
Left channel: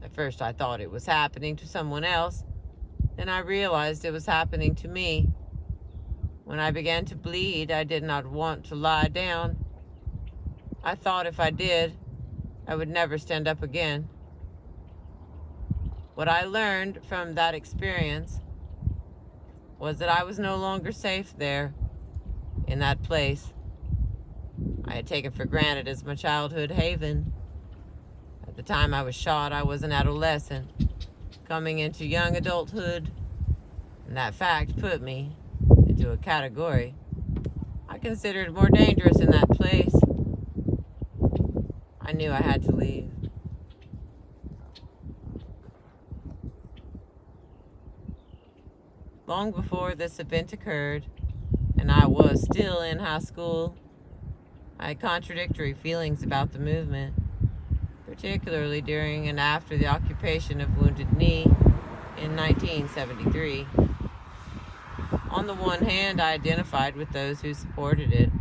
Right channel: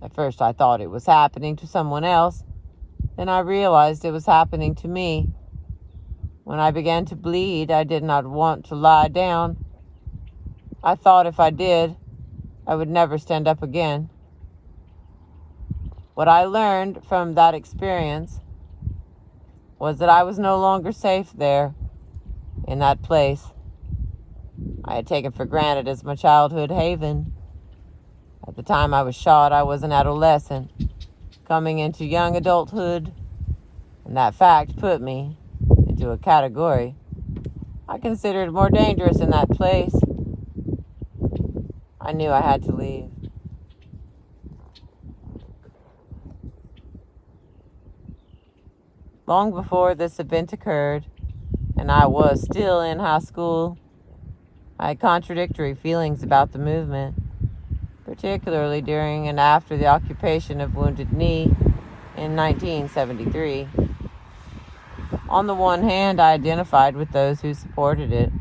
At first I thought it was happening to someone else. Then I realized it was happening to me. When I began to bleed, I did not want to lie down. I thought if I did, I would never stand up again. What I learned from that experience was that I was no longer safe there, in that place I had taken for granted as my childhood haven. At the time I was shot, I was an adolescent, coming into young adulthood, and that fact put me into a category I considered more dangerous in that place. I knew I had to leave. Long before this event occurred, and I was still in high school, I had contradictory feelings about the movement, particularly during and after the occupation of Wounded Knee in 1973. On the one hand, I identified with those who supported it,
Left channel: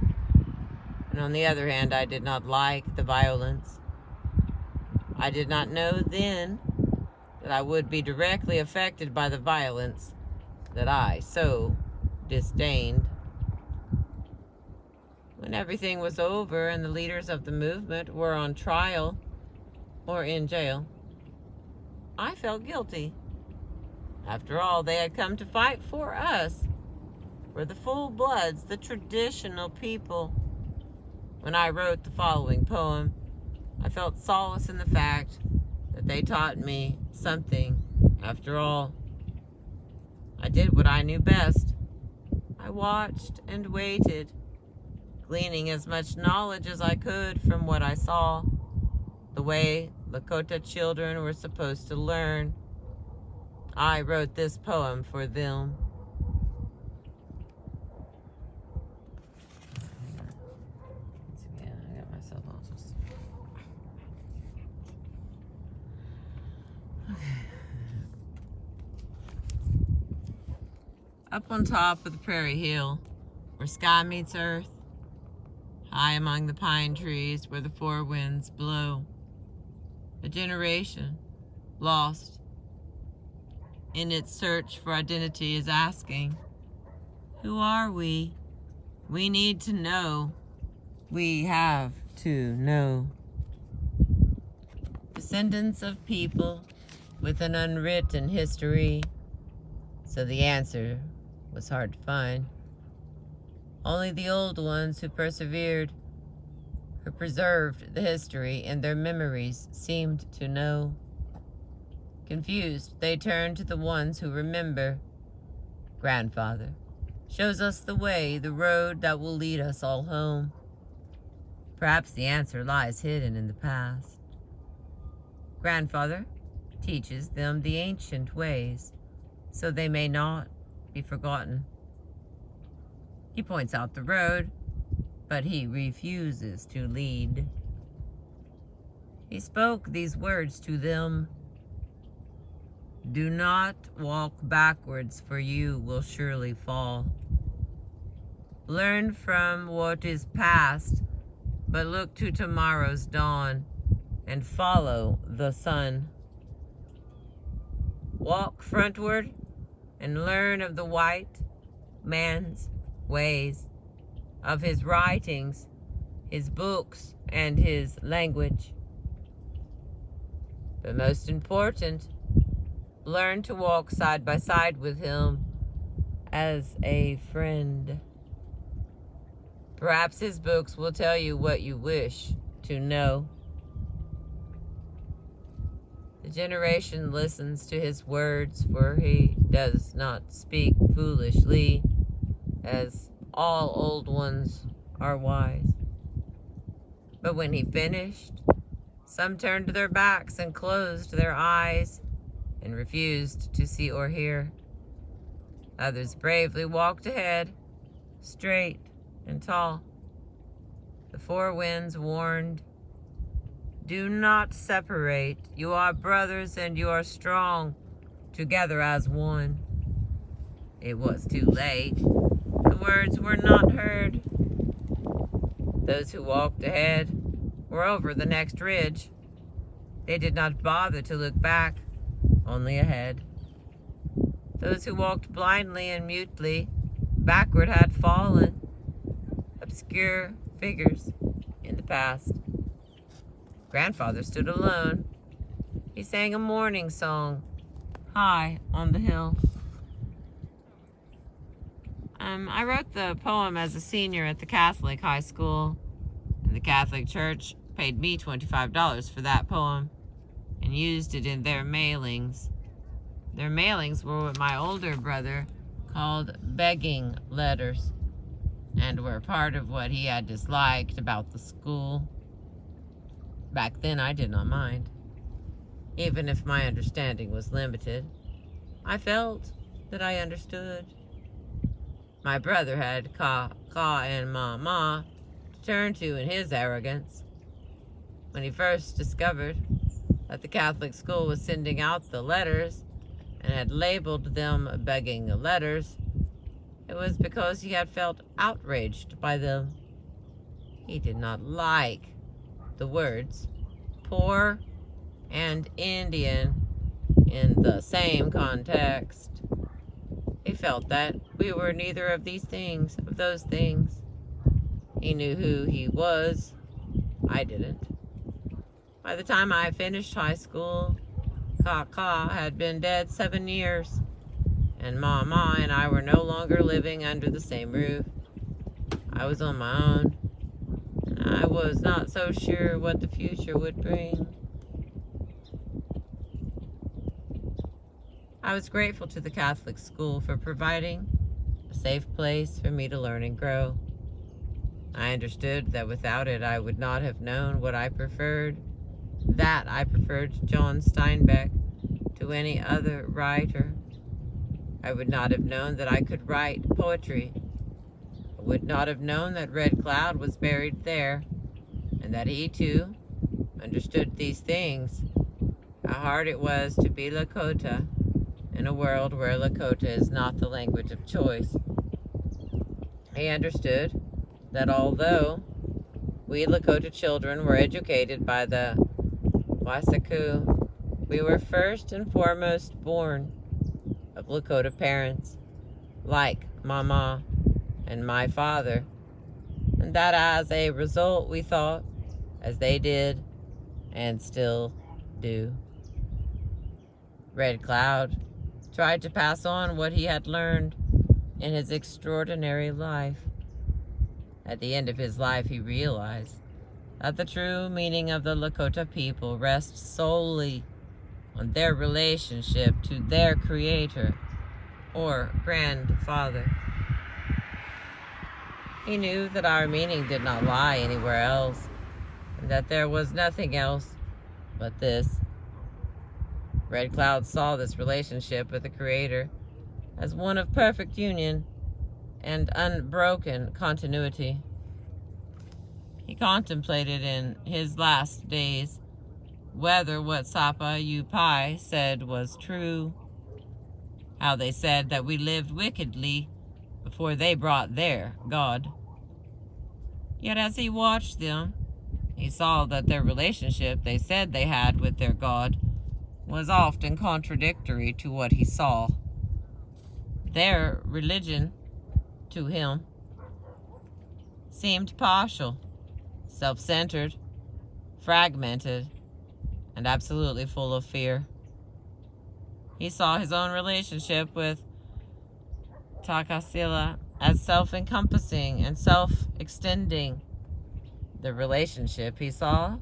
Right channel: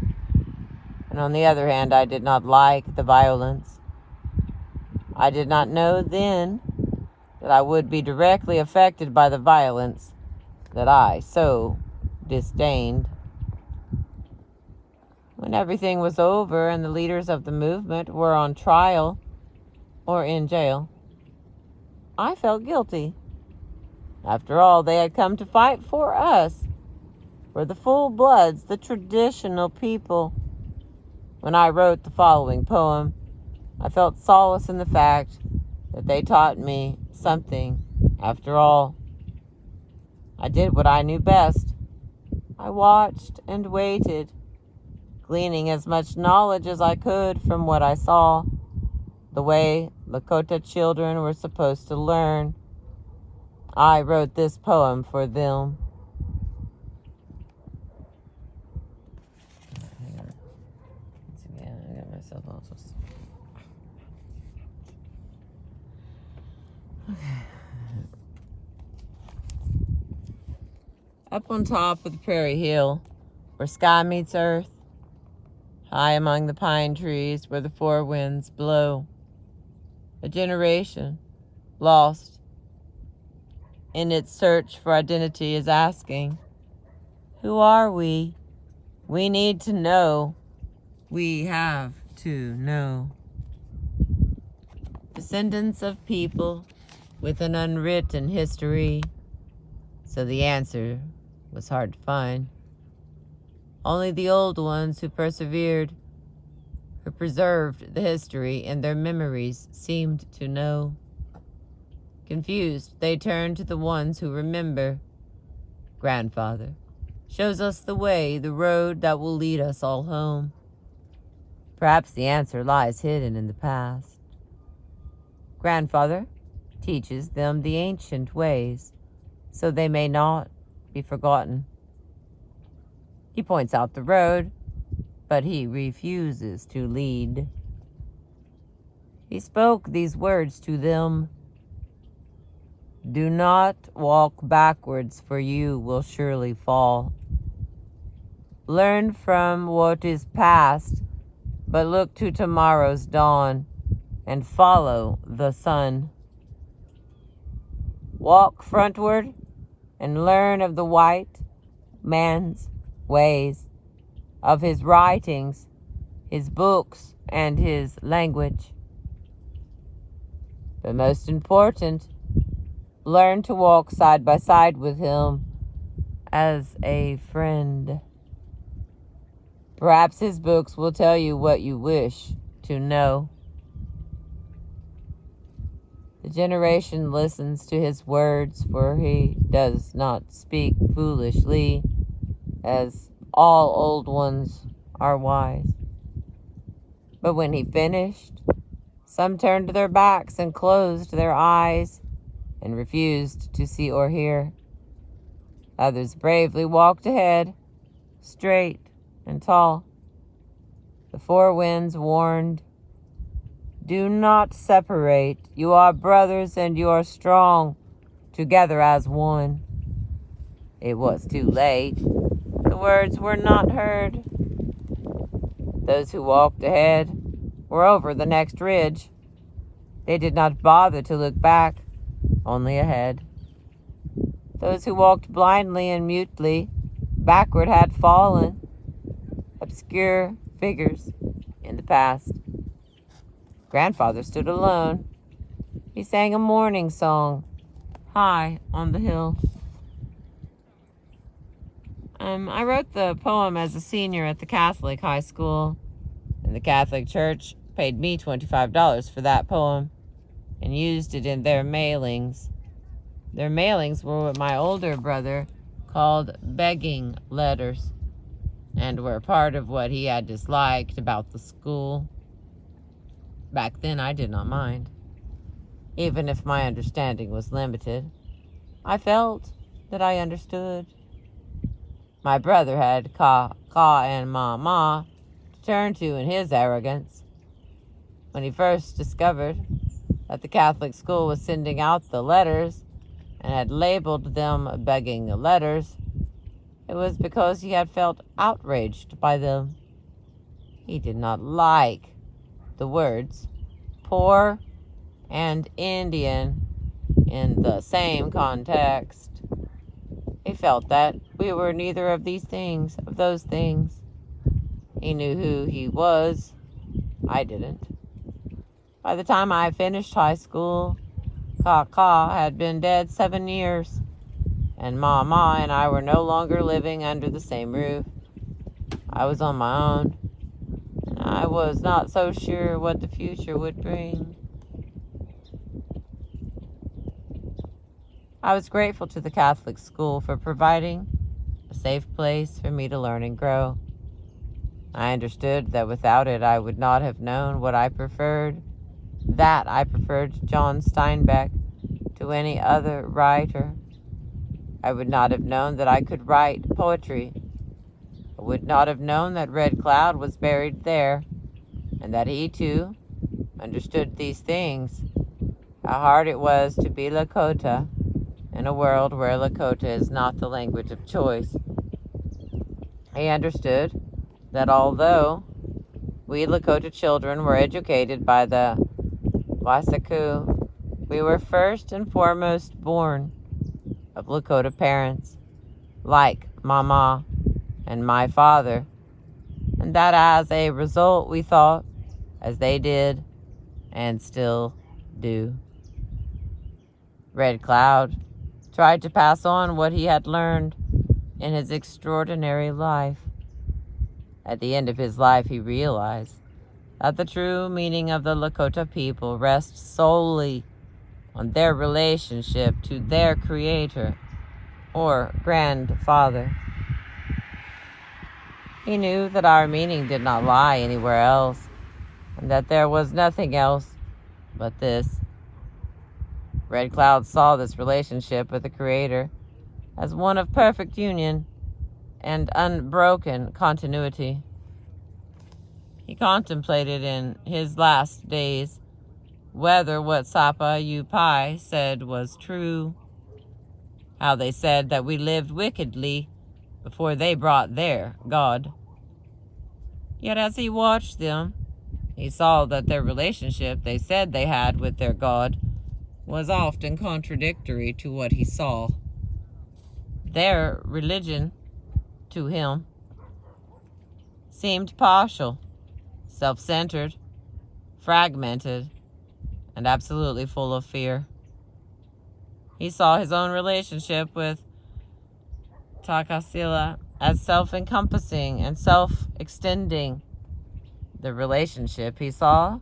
and on the other hand, I did not like the violence. I did not know then that I would be directly affected by the violence that I so disdained. When everything was over and the leaders of the movement were on trial or in jail, I felt guilty. After all, they had come to fight for us, for the full-bloods, the traditional people. When I wrote the following poem, I felt solace in the fact that they taught me something. After all, I did what I knew best. I watched and waited, gleaning as much knowledge as I could from what I saw, the way Lakota children were supposed to learn. I wrote this poem for them. Up on top of the prairie hill, where sky meets earth, high among the pine trees where the four winds blow, a generation lost in its search for identity is asking, who are we? We need to know. We have to know. Descendants of people with an unwritten history, so the answer was hard to find. Only the old ones who persevered, who preserved the history in their memories, seemed to know. Confused, they turned to the ones who remember. Grandfather shows us the way, the road that will lead us all home. Perhaps the answer lies hidden in the past. Grandfather teaches them the ancient ways, so they may not be forgotten. He points out the road, but he refuses to lead. He spoke these words to them: do not walk backwards, for you will surely fall. Learn from what is past, but look to tomorrow's dawn and follow the sun. Walk frontward and learn of the white man's ways, of his writings, his books, and his language. But most important, learn to walk side by side with him as a friend. Perhaps his books will tell you what you wish to know. The generation listens to his words, for he does not speak foolishly, as all old ones are wise. But when he finished, some turned their backs and closed their eyes and refused to see or hear. Others bravely walked ahead, straight and tall. The four winds warned, do not separate. You are brothers and you are strong, together as one. It was too late. The words were not heard. Those who walked ahead were over the next ridge. They did not bother to look back, only ahead. Those who walked blindly and mutely backward had fallen, obscure figures in the past. Grandfather stood alone. He sang a morning song high on the hill. I wrote the poem as a senior at the Catholic high school, and the Catholic Church paid me $25 for that poem and used it in their mailings. Their mailings were what my older brother called begging letters, and were part of what he had disliked about the school. Back then, I did not mind. Even if my understanding was limited, I felt that I understood. My brother had Ka and Ma to turn to in his arrogance. When he first discovered that the Catholic school was sending out the letters and had labeled them begging letters, it was because he had felt outraged by them. He did not like the words poor and Indian in the same context. He felt that we were neither of those things. He knew who he was. I didn't. By the time I finished high school, Ka had been dead 7 years, and Ma and I were no longer living under the same roof. I was on my own, and I was not so sure what the future would bring. I was grateful to the Catholic school for providing a safe place for me to learn and grow. I understood that without it I would not have known what I preferred, John Steinbeck to any other writer. I would not have known that I could write poetry. I would not have known that Red Cloud was buried there, and that he too understood these things, how hard it was to be Lakota in a world where Lakota is not the language of choice. He understood that although we Lakota children were educated by the Wasaku, we were first and foremost born of Lakota parents, like Mama and my father, and that as a result we thought as they did and still do. Red Cloud tried to pass on what he had learned in his extraordinary life. At the end of his life, he realized that the true meaning of the Lakota people rests solely on their relationship to their creator or grandfather. He knew that our meaning did not lie anywhere else, and that there was nothing else but this. Red Cloud saw this relationship with the Creator as one of perfect union and unbroken continuity. He contemplated in his last days whether what Sapa Yupai said was true, how they said that we lived wickedly before they brought their God. Yet as he watched them, he saw that their relationship they said they had with their God was often contradictory to what he saw. Their religion, to him, seemed partial, self-centered, fragmented, and absolutely full of fear. He saw his own relationship with Takasila as self-encompassing and self-extending. The relationship he saw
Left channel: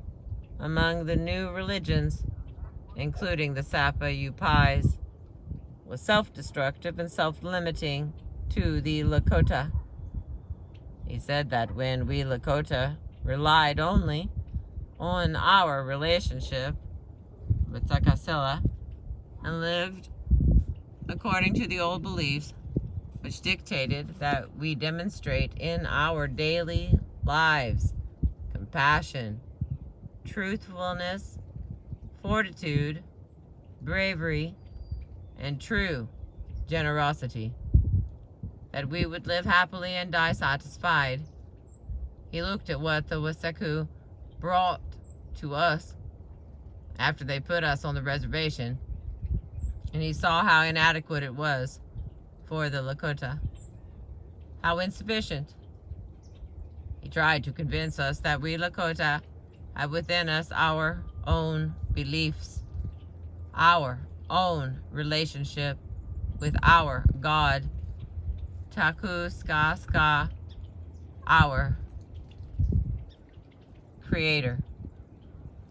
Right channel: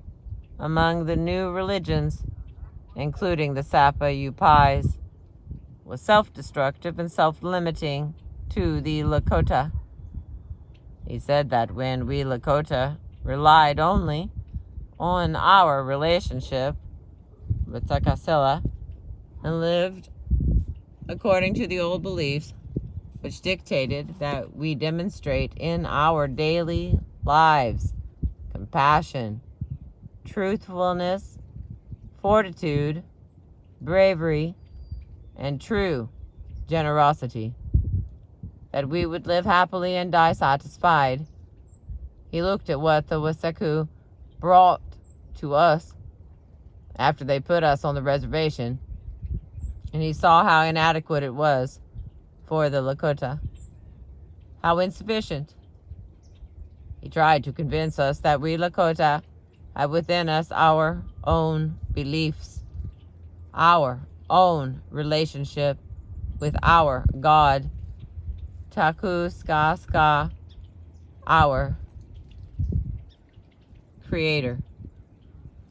among the new religions, including the Sapa Yupais, was self-destructive and self-limiting to the Lakota. He said that when we Lakota relied only on our relationship with Takasila and lived according to the old beliefs, which dictated that we demonstrate in our daily lives compassion, truthfulness, fortitude, bravery, and true generosity, that we would live happily and die satisfied. He looked at what the Wasaku brought to us after they put us on the reservation, and he saw how inadequate it was for the Lakota, how insufficient. He tried to convince us that we Lakota have within us our own beliefs, our own relationship with our God, Taku Ska Ska, our Creator.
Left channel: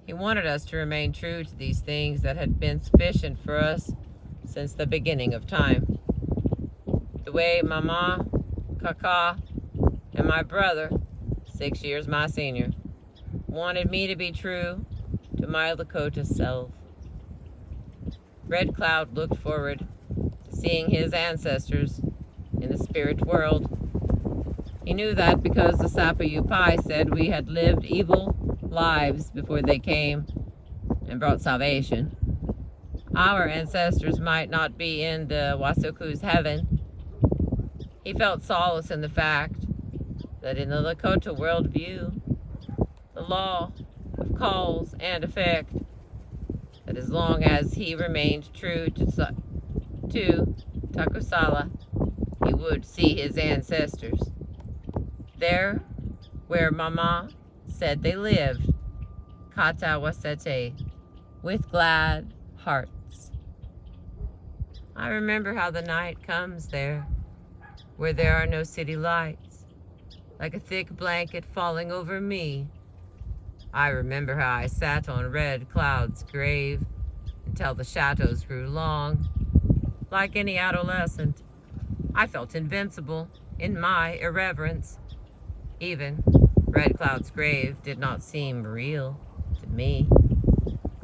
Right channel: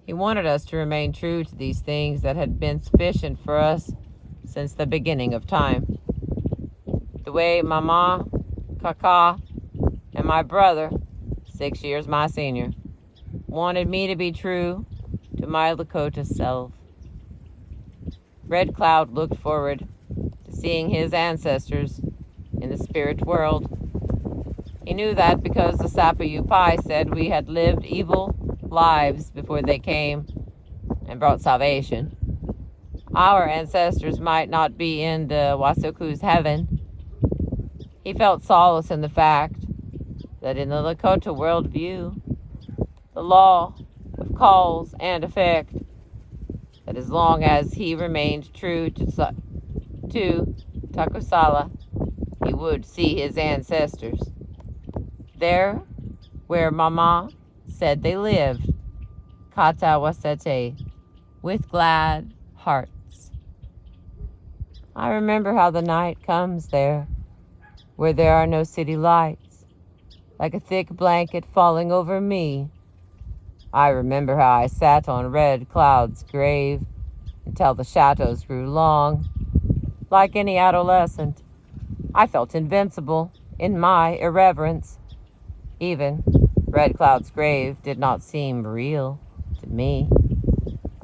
He wanted us to remain true to these things that had been sufficient for us since the beginning of time. The way Mama, Kaka, and my brother, 6 years my senior, wanted me to be true to my Lakota self. Red Cloud looked forward to seeing his ancestors in the spirit world. He knew that because the Sapayupai said we had lived evil lives before they came and brought salvation. Our ancestors might not be in the Wasuku's heaven. He felt solace in the fact that in the Lakota worldview, the law of cause and effect, that as long as he remained true to Takusala, he would see his ancestors. There, where Mama said they lived, Kata Wasete, with glad hearts. I remember how the night comes there, where there are no city lights, like a thick blanket falling over me. I remember how I sat on Red Cloud's grave until the shadows grew long. Like any adolescent, I felt invincible in my irreverence. Even Red Cloud's grave did not seem real to me.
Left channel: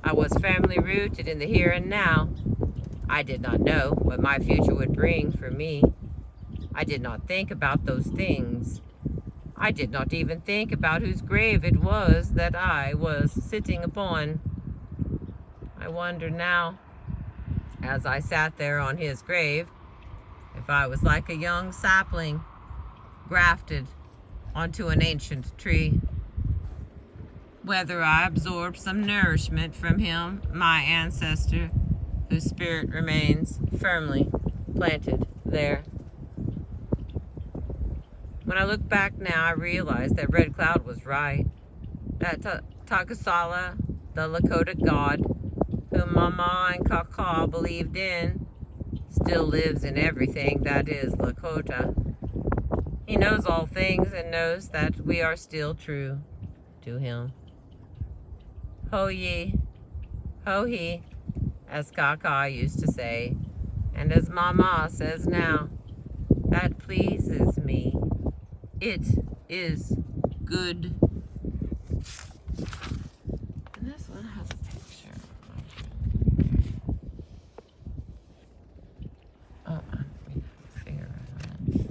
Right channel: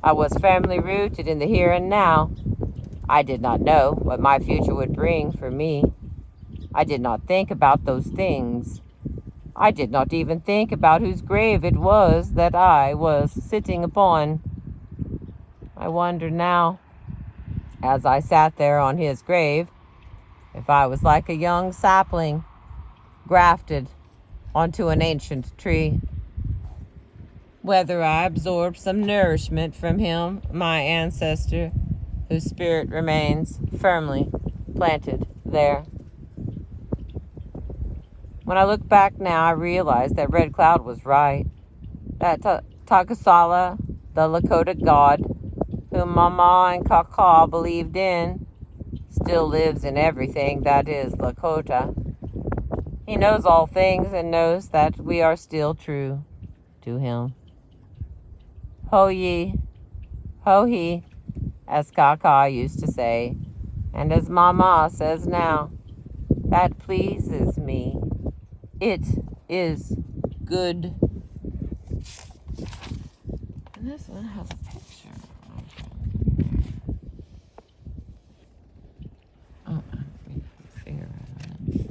I was firmly rooted in the here and now. I did not know what my future would bring for me. I did not think about those things. I did not even think about whose grave it was that I was sitting upon. I wonder now, as I sat there on his grave, if I was like a young sapling grafted onto an ancient tree. Whether I absorbed some nourishment from him, my ancestor, whose spirit remains firmly planted there. When I look back now, I realize that Red Cloud was right. That Takusala, the Lakota god, whom Mama and Kaka believed in, still lives in everything that is Lakota. He knows all things and knows that we are still true to him. Ho ye, ho he, as Kaka used to say, and as Mama says now, that pleases me. It is good. And this one has a picture. Oh, finger on it.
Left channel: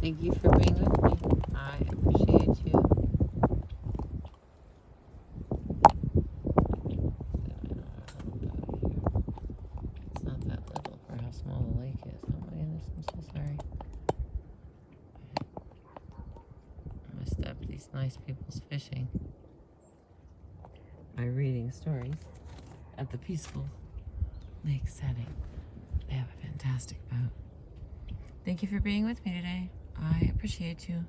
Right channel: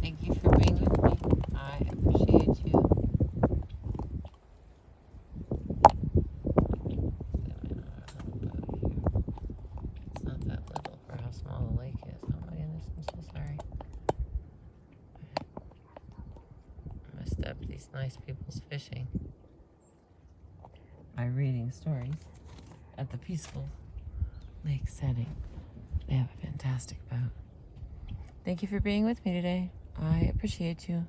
Thank you for being with me. I appreciate you. It's not that little for how small the lake is. Oh my goodness, I'm so sorry. I messed up these nice people's fishing by reading stories at the peaceful lake setting. They have a fantastic boat. Thank you for being with me today. I appreciate you.